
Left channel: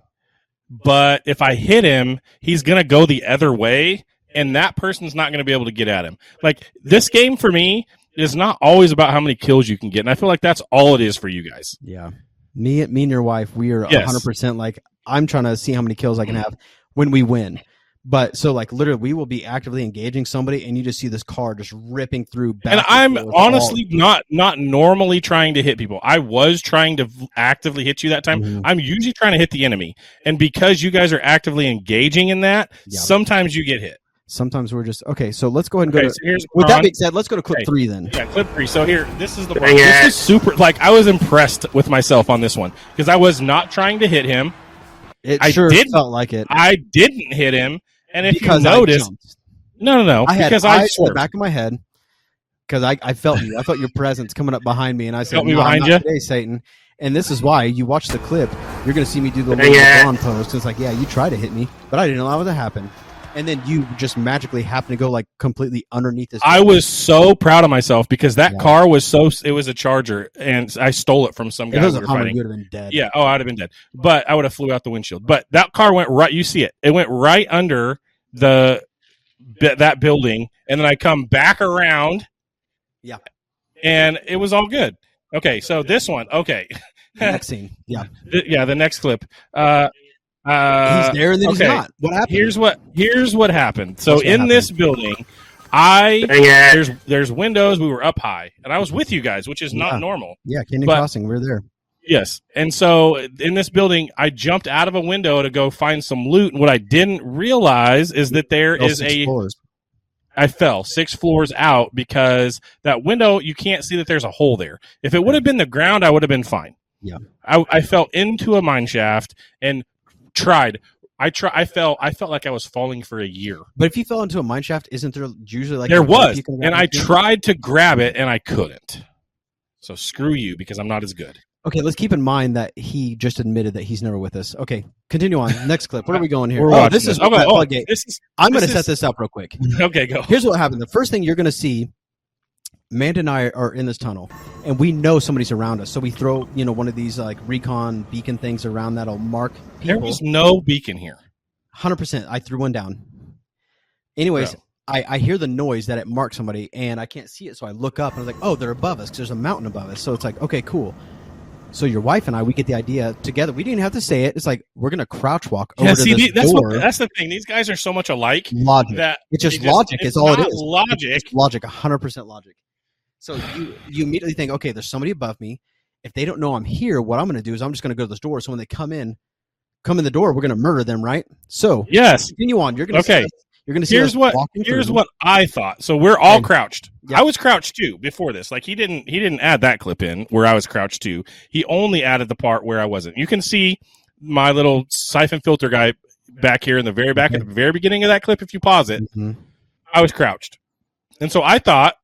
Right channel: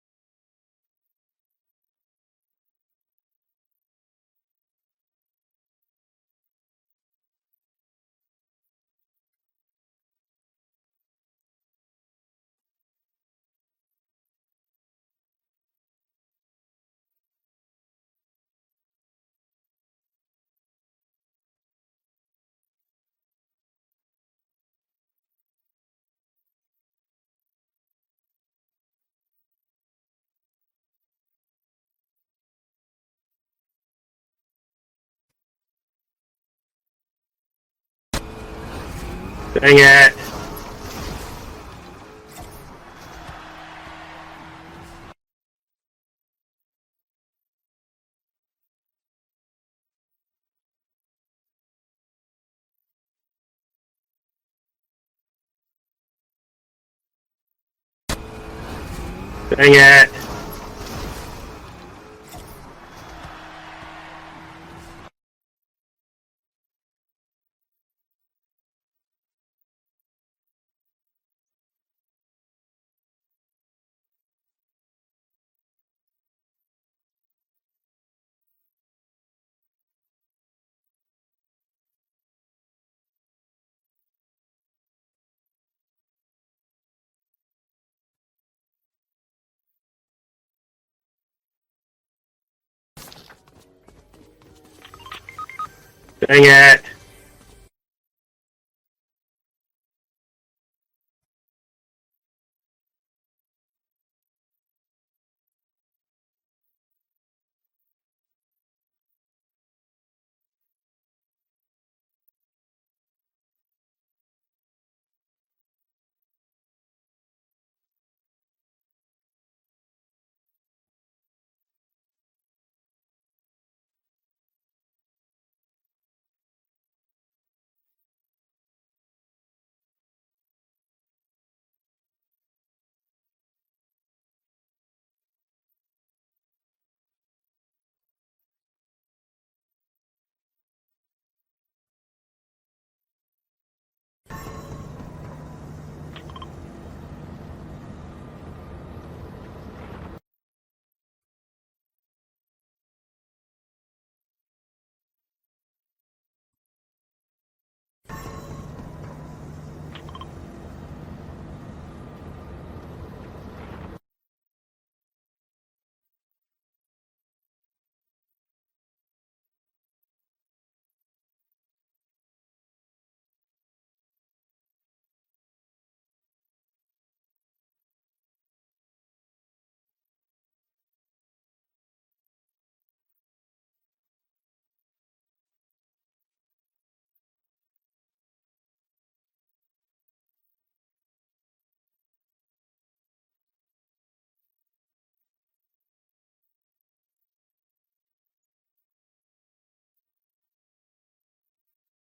But if I hit him, he's going to go the other way, and that person's not going to be able to get at him. Like, this game for me is not always about how many kills you can get, and I feel like that's all it is for you guys. Yeah. Me and your wife, we are 100% like, I'm trying to see how many kills I can have when we win. But so like literally we will be actively engaging somebody and you just see this car just ripping through back. And I'm honestly not normally trying to hit people. I was trying to actively hit you that time. Mm-hmm. I'm usually trying to hit the enemy. And because you guys are actively engaging in that, sometimes you get hit. Sometimes we're just okay. So let's go ahead and go to. So here's with that being said, let's go to clip 3 then. Yeah, clip 3. So here, this is the one. This is super. Like I was impressed with myself on this one because I was not trying to hit him. It felt like it. I didn't hit him. And if you notice, no, I had because eyes in the back of my head because I felt you. I felt your presence coming up behind me, and I said, "No, behind you today, Satan." And this is why you watch the clip. You're going to see me do the lawn pose. So it's like, yeah, you tried to hit me, but I didn't allow it to happen. And then you just magically happen to go like completely underneath this. I was so proud of myself because that car was it was a Charger, and I stole it from some guy we were fighting. You would have been dead. Yeah, I'd have been dead. But I would have flew out the windshield. But that car went right. You see it? It went right under that building, and then I come back around. Yeah, and it was all good. Okay, so this one. Okay, the next scene. Yeah, the next clip. He's there and then he's not. What happened? Here's what happened. So in this building, there's windows. We were up high, and I was with you guys, which is not normal. Yeah, Canyon Crossing. We're there. Yes, and so in this building, I jumped out of a window to go find some loot, and what I didn't realize is that there is I fell 6 floors out because that window, you can't see that there's a hole there. If it would have been the ground, I would have been fine. Yeah, I fell into a mine shaft and tried. I felt like I was falling for a year. But if you fell into a mine shaft, isn't there usually like there was? And I tried to grab it and I couldn't. So screw you because I'm not as good. Okay, let's keep in mind that he just admitted that he's never with us. Okay, continue on. Next clip. Where are we going here? This is I'm going to set this up real quick. Okay, go. Here's what happened. The first thing you're going to see, Manda and I are in this tunnel, and we know somebody's around us. So we throw, one of these like recon beacon things around that'll mark people. There was no beacon here. 100%. I threw one down. Anyways, I hear the noise that it marked somebody, and I can't see it. So I look up, and I was like, oh, they're above us. There's a mountain above us. So it's like, okay, cool. So your wife and I, we get the idea together. We didn't have to say it. It's like we're gonna crouch walk over to this door. That's the thing. These guys are so much alike. Logic. It's just logic. It's all it is. Logic. It's logic. 100% logic. So you immediately think, okay, there's somebody above me. If they don't know I'm here, what I'm gonna do is I'm just gonna go to this door. So when they come in the door, we're gonna murder them, right? So yes. Continue on. You're gonna You're going to see here's what I thought. So we're all crouched. Yep. I was crouched too before this. Like he didn't add that clip in where I was crouched too. He only added the part where I wasn't. You can see my little siphon filter guy back here in the very back at the very beginning of that clip, if you pause it, I was crouched. And so I thought,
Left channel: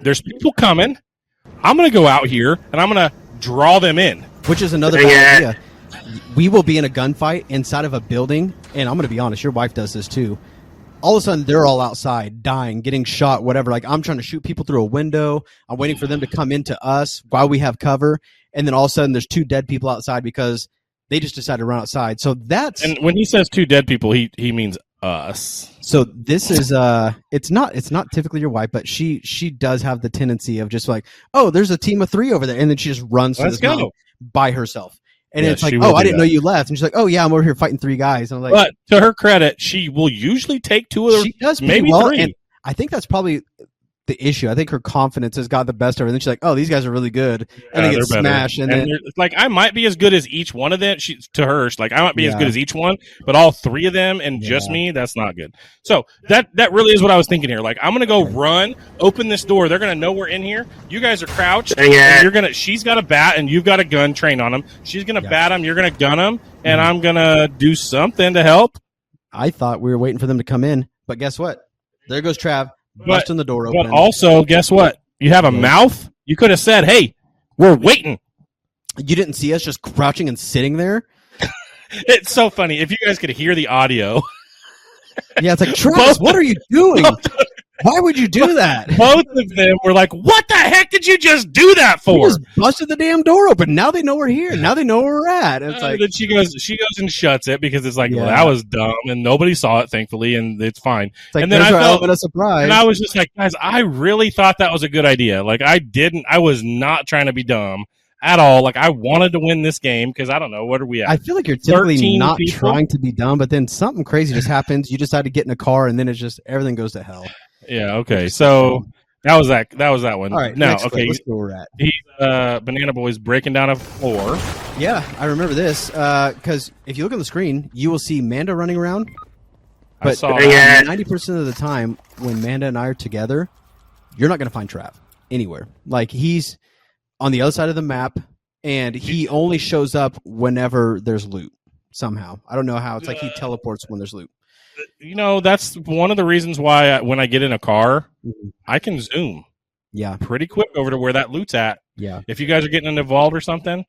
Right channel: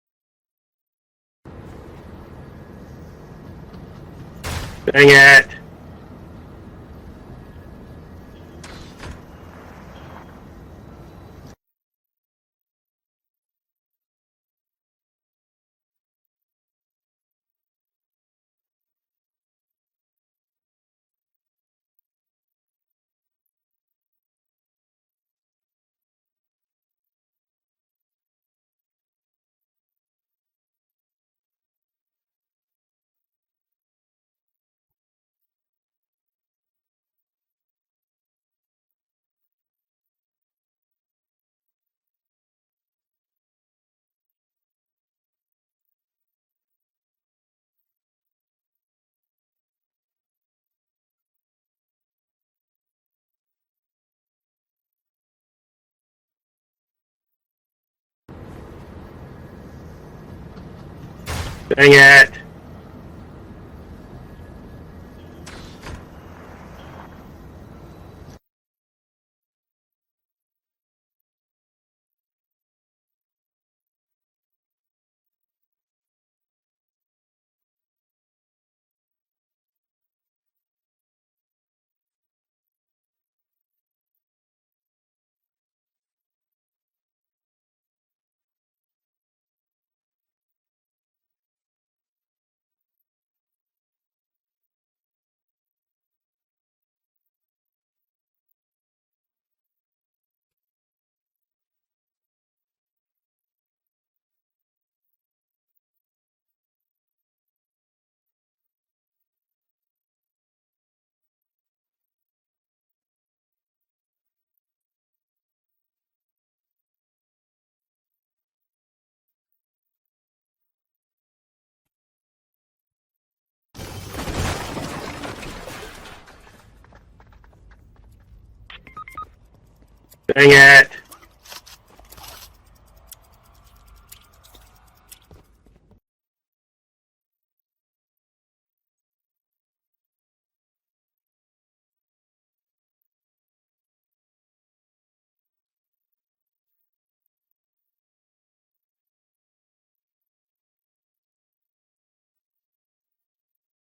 there's people coming. I'm going to go out here, and I'm going to draw them in. Which is another idea. We will be in a gunfight inside of a building, and I'm going to be honest, your wife does this too. All of a sudden, they're all outside, dying, getting shot, whatever. Like, I'm trying to shoot people through a window. I'm waiting for them to come into us while we have cover. And then all of a sudden, there's 2 dead people outside because they just decided to run outside. So that's... And when he says 2 dead people, he means us. So this is it's not typically your wife, but she does have the tendency of just like, oh, there's a team of 3 over there, and then she just runs to this mountain by herself. And it's like, oh, I didn't know you left. And she's like, oh yeah, I'm over here fighting 3 guys. And I'm like, but to her credit, she will usually take 2 of she does maybe well, 3. and I think that's probably the issue. I think her confidence has got the best of her. And then she's like, oh, these guys are really good. And they get smashed. And then, like, I might be as good as each one of them. To her, she's like, I might be as good as each one, but all 3 of them and just me, that's not good. So that really is what I was thinking here. Like, I'm going to go run, open this door. They're going to know we're in here. You guys are crouched. She's got a bat and you've got a gun trained on them. She's going to bat them. You're going to gun them. And I'm going to do something to help. I thought we were waiting for them to come in. But guess what? There goes Trav. Busting the door open. But also, guess what? You have a mouth. You could have said, hey, we're waiting. You didn't see us just crouching and sitting there? It's so funny. If you guys could hear the audio. Yeah, it's like, Travis, what are you doing? Why would you do that? Both of them were like, what the heck did you just do that for? We just busted the damn door open. Now they know we're here. Now they know where we're at. And it's like, then she goes and shuts it because it's like, well, that was dumb. And nobody saw it, thankfully, and it's fine. It's like, and then I felt a surprise. And I was just like, guys, I really thought that was a good idea. Like, I was not trying to be dumb at all. Like, I wanted to win this game because I don't know, what are we at? I feel like you're typically not trying to be dumb, but then something crazy just happens. You decide to get in a car, and then it's just everything goes to hell. Yeah. Okay. So that was that one. All right. Now, okay. Let's go where we're at. He's Banana Boy's breaking down a floor. Yeah, I remember this because if you look on the screen, you will see Manda running around. But 90% of the time, when Manda and I are together, you're not going to find Trav anywhere. Like, he's on the other side of the map, and he only shows up whenever there's loot. Somehow, I don't know how. It's like he teleports when there's loot. You know, that's one of the reasons why when I get in a car, I can zoom pretty quick over to where that loot's at. Yeah. If you guys are getting involved or something,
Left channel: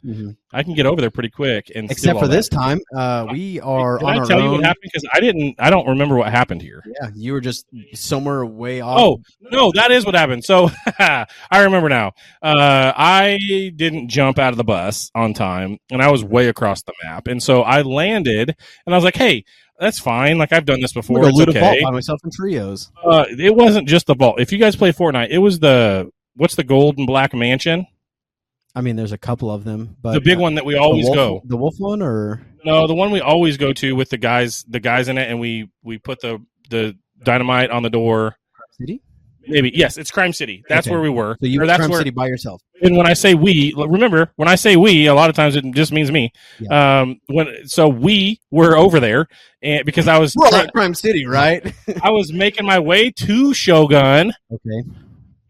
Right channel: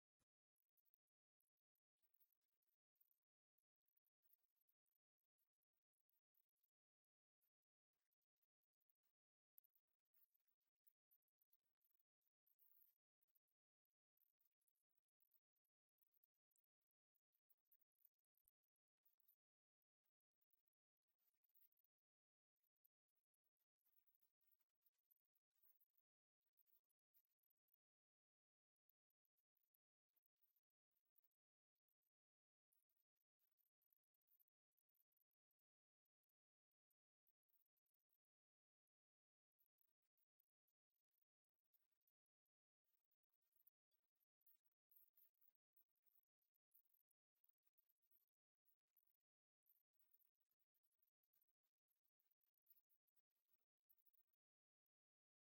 I can get over there pretty quick. And except for this time, we are on our own. Can I tell you what happened? Because I don't remember what happened here. Yeah, you were just somewhere way off. Oh, no, that is what happened. So I remember now. I didn't jump out of the bus on time, and I was way across the map. And so I landed, and I was like, hey, that's fine. Like, I've done this before. It's okay. Vault by myself in trios. It wasn't just the vault. If you guys play Fortnite, it was what's the gold and black mansion? I mean, there's a couple of them, but the big one that we always go. The wolf one, or no, the one we always go to with the guys in it, and we put the dynamite on the door. City? Maybe, yes, it's Crime City. That's where we were. So you were Crime City by yourself. And when I say we, remember, when I say we, a lot of times it just means me. Yeah. So we were over there, and because I was at Crime City, right? I was making my way to Shogun. Okay.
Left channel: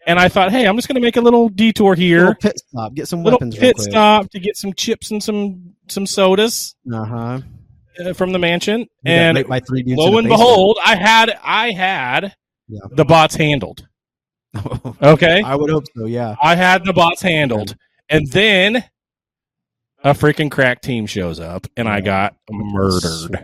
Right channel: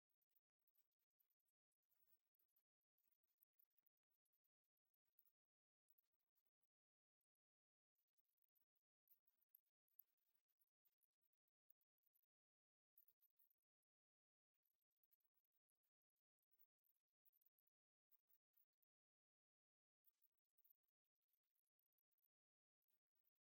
And I thought, hey, I'm just going to make a little detour here. A little pit stop, get some weapons. Pit stop to get some chips and some sodas. From the mansion. And lo and behold, I had the bots handled. Okay? I would hope so, yeah. I had the bots handled. And then a freaking crack team shows up, and I got murdered.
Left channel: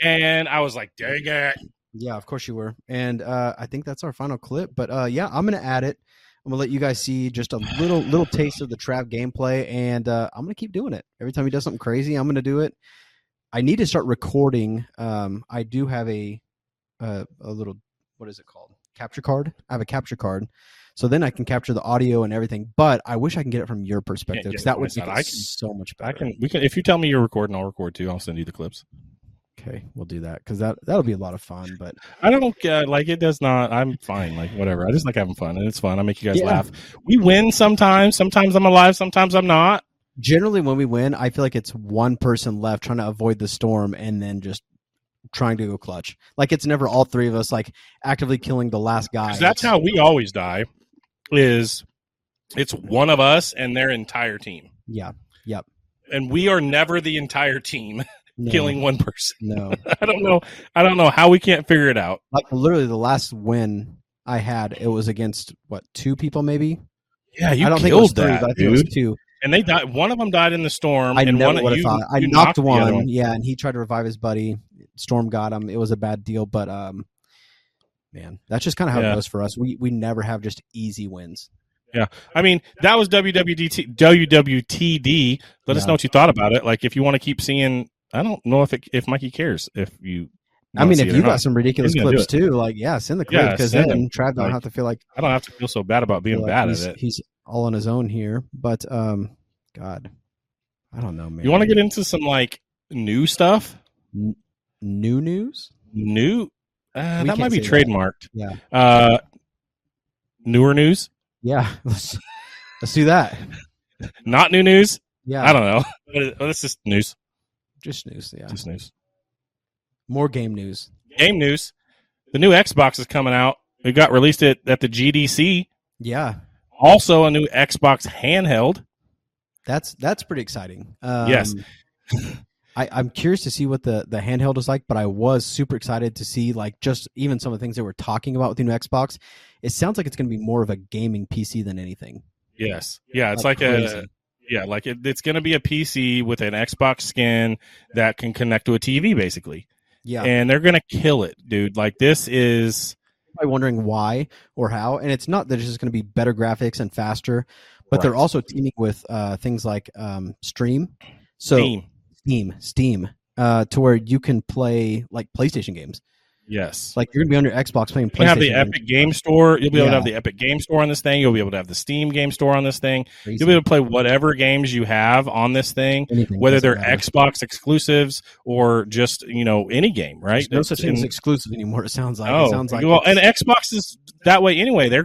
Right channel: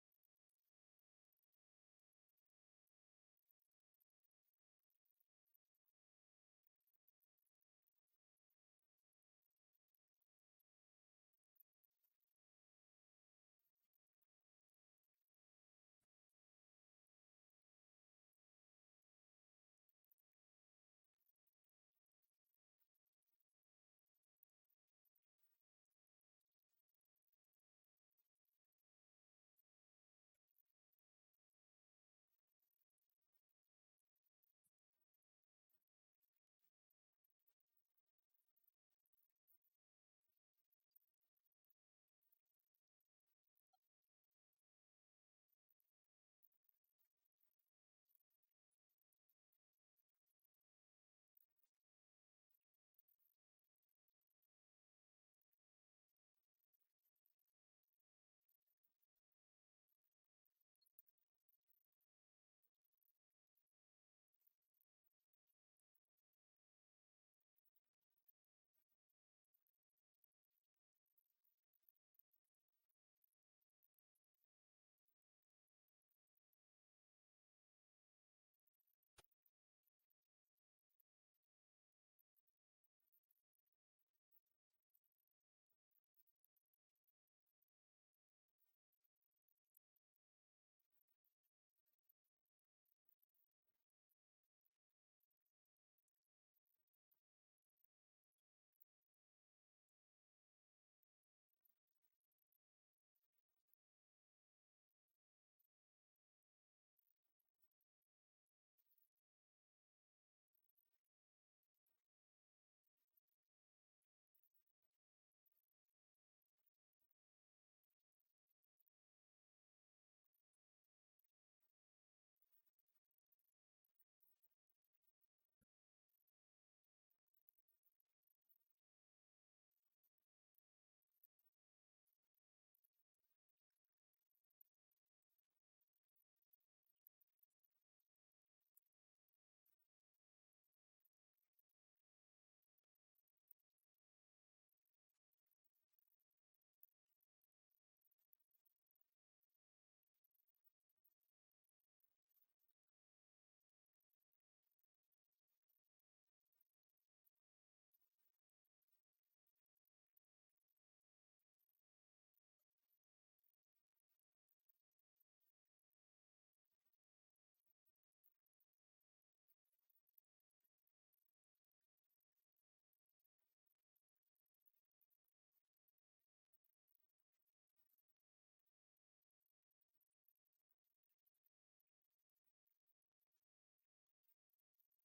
And I was like, dang it. Yeah, of course you were. And I think that's our final clip. But yeah, I'm going to add it. I'm going to let you guys see just a little taste of the Trav gameplay. And I'm going to keep doing it. Every time he does something crazy, I'm going to do it. I need to start recording. I do have a little, what is it called? Capture card. I have a capture card. So then I can capture the audio and everything. But I wish I can get it from your perspective, because that would be so much better. We can. If you tell me you're recording, I'll record too. I'll send you the clips. Okay, we'll do that, because that'll be a lot of fun. But I don't like it. Does not. I'm fine. Like, whatever. I just like having fun, and it's fun. I make you guys laugh. We win sometimes. Sometimes I'm alive. Sometimes I'm not. Generally, when we win, I feel like it's one person left trying to avoid the storm, and then just trying to go clutch. Like, it's never all 3 of us like actively killing the last guy. That's how we always die. It's one of us and their entire team. Yeah. Yep. And we are never the entire team. killing one person. No. I don't know how we can't figure it out. Like literally the last win I had, it was against what, 2 people maybe? Yeah, you I don't killed think it was 3, that, but I think dude. it was 2. And they died. One of them died in the storm. I and never one would have you, thought. I you knocked the other one, yeah, and he tried to revive his buddy. Storm got him. It was a bad deal, but man, that's just kind of how it goes for us. We never have just easy wins. Yeah, I mean that was WWTD. Let us know what you thought about it. Like if you want to keep seeing, I don't know if Mikey cares if you. I mean, if you got some ridiculous clips too, like send the clip because then Trav don't have to feel like I don't have to feel so bad about being bad at it. He's all on his own here, but God, I don't know, man. You want to get into some like new stuff? New news? New? That might be trademarked. That. Yeah. Newer news? Yeah, let's do that. Not new news? Yeah. I don't know. It's just news. Just news, yeah. Just news. More game news. Game news. The new Xbox is coming out. It got released at the GDC. Yeah. Also a new Xbox handheld. That's pretty exciting. Yes. I'm curious to see what the handheld is like, but I was super excited to see like just even some of the things they were talking about with the new Xbox. It sounds like it's going to be more of a gaming PC than anything. Yes. Yeah, it's like it's going to be a PC with an Xbox skin that can connect to a TV basically. Yeah. And they're going to kill it, dude. Like this is I'm wondering why or how, and it's not that it's just going to be better graphics and faster, but they're also teaming with things like Stream. So Steam, to where you can play like PlayStation games. Yes. Like you're gonna be on your Xbox playing PlayStation. You have the Epic Game Store. You'll be able to have the Epic Game Store on this thing. You'll be able to have the Steam Game Store on this thing. Crazy. You'll be able to play whatever games you have on this thing, whether they're Xbox exclusives or just any game. Right? There's no such thing as exclusive anymore. It sounds like. Oh, it sounds like and Xbox is that way anyway. They're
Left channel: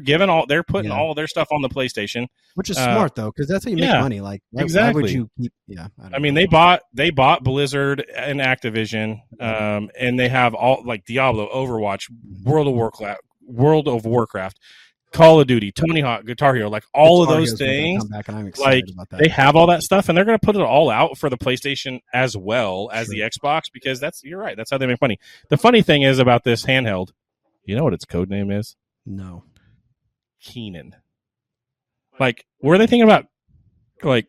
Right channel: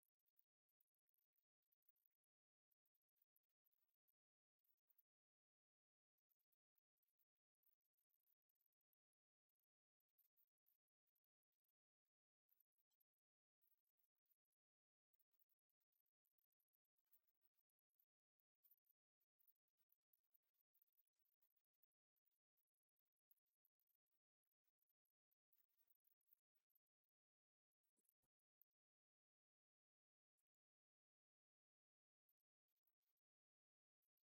putting all of their stuff on the PlayStation, which is smart though, because that's how you make money. Like exactly. Why would you keep? Yeah. I mean, they bought Blizzard and Activision, and they have all like Diablo, Overwatch, World of Warcraft, Call of Duty, Tony Hawk, Guitar Hero, like all of those things. Like they have all that stuff, and they're going to put it all out for the PlayStation as well as the Xbox because you're right. That's how they make money. The funny thing is about this handheld, you know what its code name is? No. Keenan. Like, were they thinking about like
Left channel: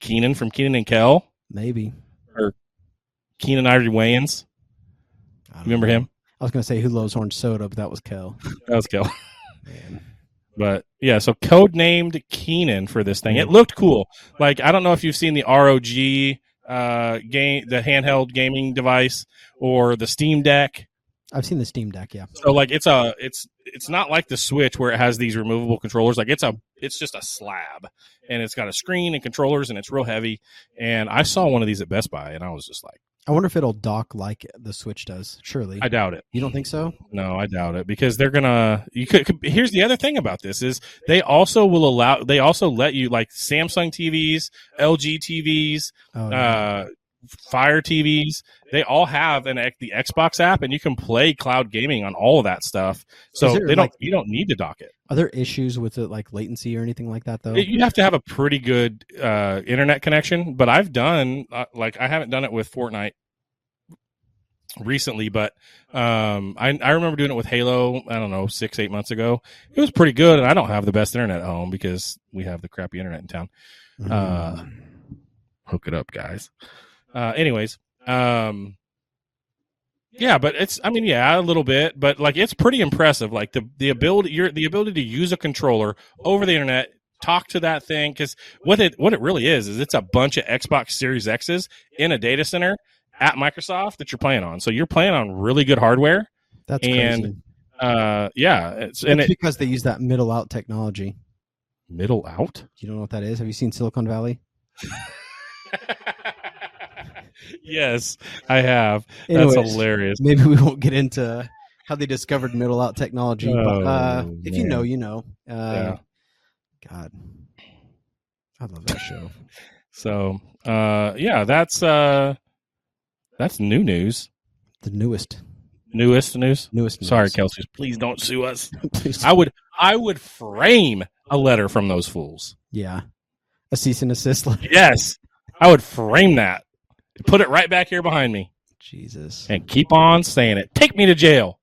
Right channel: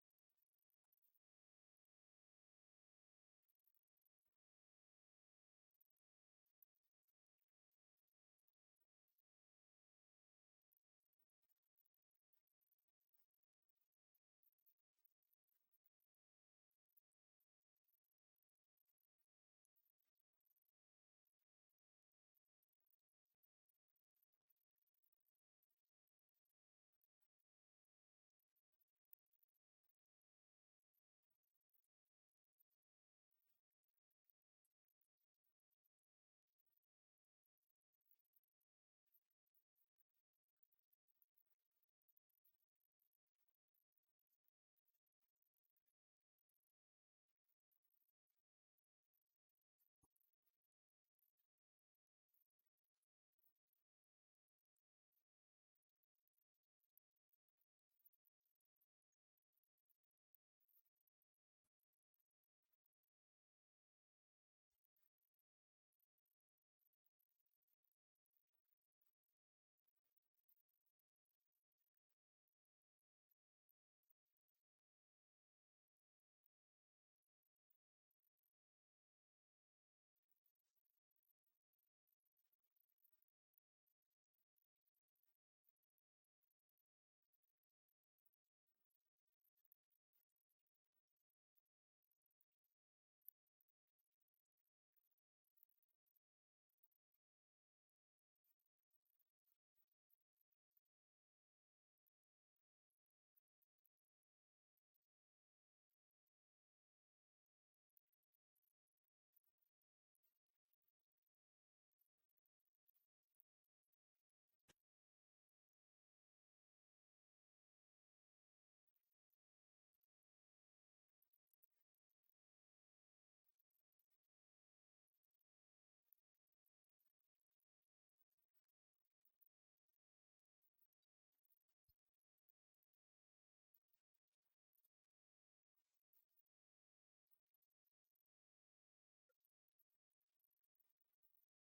Keenan from Keenan and Kel? Maybe. Or Keenan Ivory Wayans? Remember him? I was going to say Who Loves Orange Soda, but that was Kel. That was Kel. Man. But yeah, so code named Keenan for this thing. It looked cool. Like I don't know if you've seen the ROG game, the handheld gaming device, or the Steam Deck. I've seen the Steam Deck, yeah. So like it's not like the Switch where it has these removable controllers. Like it's just a slab, and it's got a screen and controllers, and it's real heavy. And I saw one of these at Best Buy, and I was just like, I wonder if it'll dock like the Switch does. Surely, I doubt it. You don't think so? No, I doubt it because they're gonna. Here's the other thing about this is they also let you like Samsung TVs, LG TVs, Fire TVs. They all have the Xbox app, and you can play cloud gaming on all of that stuff. So you don't need to dock it. Are there issues with it, like latency or anything like that, though? You have to have a pretty good internet connection. But I've done I haven't done it with Fortnite recently, but I remember doing it with Halo. I don't know, 6-8 months ago. It was pretty good, and I don't have the best internet at home because we have the crappy internet in town. Hook it up, guys. Anyways, yeah, but a little bit, but like it's pretty impressive. Like the ability to use a controller over the internet, talk to that thing, because what it really is it's a bunch of Xbox Series X's in a data center at Microsoft that you're playing on. So you're playing on really good hardware. That's crazy. It's because they use that middle out technology. Middle out? You don't know what that is? Have you seen Silicon Valley? Yes, I have. Anyways, that's hilarious. Maybe we won't get into how they discovered middle out technology, but if you know, you know. God, I love that show. So, that's new news. The newest news. Sorry, Kelsey. Please don't sue us. I would frame a letter from those fools. Yeah, a cease and desist letter. Yes, I would frame that. Put it right back here behind me. Jesus. And keep on saying it. Take me to jail.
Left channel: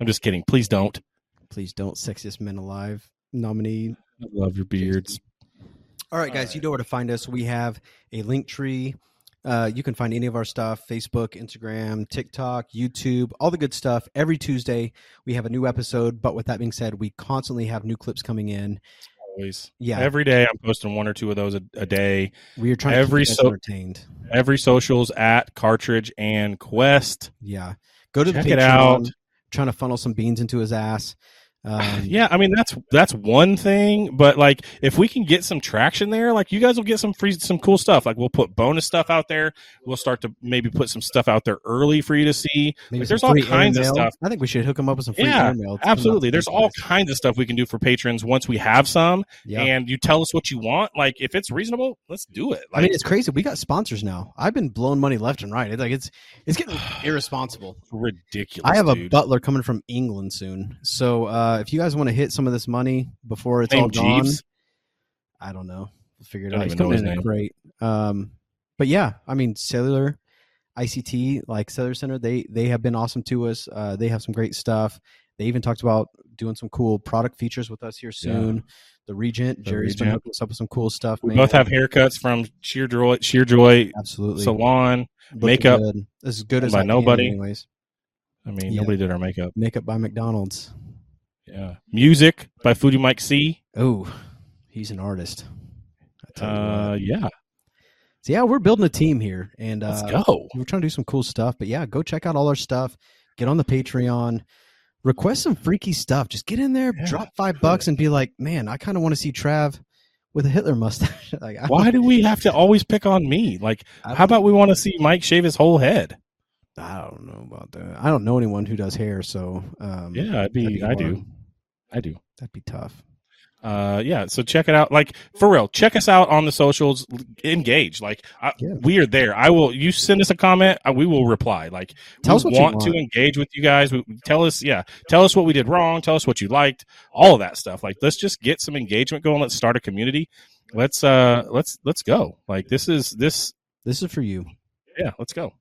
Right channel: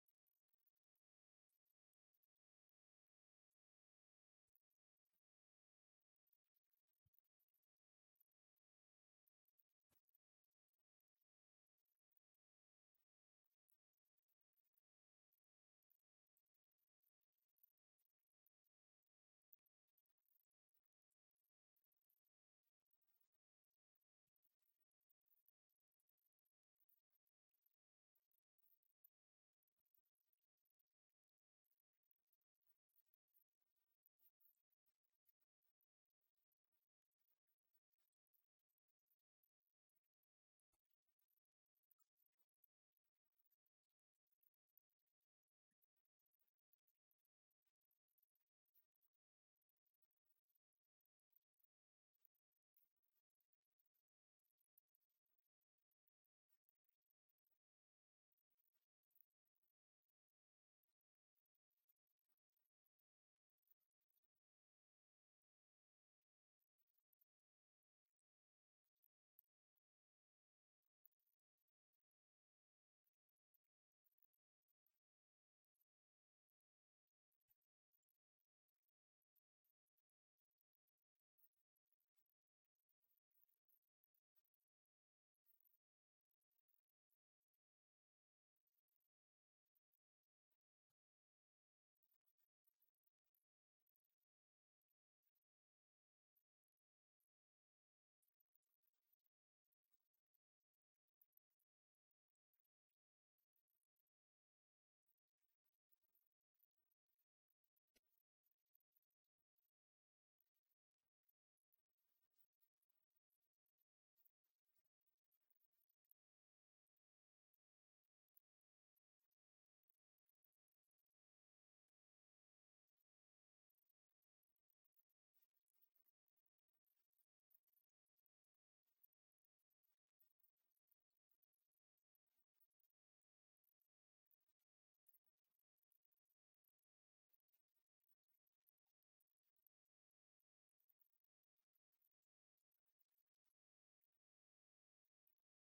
I'm just kidding. Please don't. Please don't. Sexiest men alive nominee. I love your beards. All right, guys, you know where to find us. We have a link tree. You can find any of our stuff, Facebook, Instagram, TikTok, YouTube, all the good stuff. Every Tuesday, we have a new episode. But with that being said, we constantly have new clips coming in. Always. Yeah. Every day I'm posting 1 or 2 of those a day. We are trying to keep you guys entertained. Every socials at Cartridge and Quest. Yeah. Go to Check the Patreon. it out. Trying to funnel some beans into his ass. Yeah, I mean that's one thing, but like if we can get some traction there, like you guys will get some cool stuff. Like we'll put bonus stuff out there. We'll start to maybe put some stuff out there early for you to see. Like, there's all kinds of stuff. I think we should hook them up with some free email. Absolutely. There's all kinds of stuff we can do for patrons once we have some. Yeah. And you tell us what you want. Like if it's reasonable, let's do it. Like, I mean, it's crazy. We got sponsors now. I've been blowing money left and right. It's like it's getting irresponsible. Ridiculous. I have a butler coming from England soon, so if you guys want to hit some of this money before it's all gone, Jeeves? I don't know. We'll figure it out. He's coming in great. But yeah, I mean, Cellular, ICT, like Cellular Center, they have been awesome to us. They have some great stuff. They even talked about doing some cool product features with us here soon. Yeah. The Regent, Jerry's been hooking us up with some cool stuff. We both have haircuts from Sheer Joy absolutely Salon. Makeup good. As good as by nobody. Anyways. I mean, nobody did our makeup. Makeup by McDonald's. Yeah. Music by FoodieMikeC. Oh, he's an artist. Yeah. So yeah, we're building a team here, and let's go. We're trying to do some cool stuff. But yeah, go check out all our stuff. Get on the Patreon. Request some freaky stuff. Just get in there, drop $5, and be like, man, I kind of want to see Trav with a Hitler mustache. Like, why do we have to always pick on me? Like, how about we want to see Mike shave his whole head? I don't know about that. I don't know anyone who does hair, so yeah, I do. That'd be tough. Yeah, so check it out. Like, for real, check us out on the socials. Engage. Like, we are there. You send us a comment, we will reply. Like, tell us what want to engage with you guys. Tell us what we did wrong. Tell us what you liked. All of that stuff. Like, let's just get some engagement going. Let's start a community. Let's go. Like, this is for you. Yeah, let's go.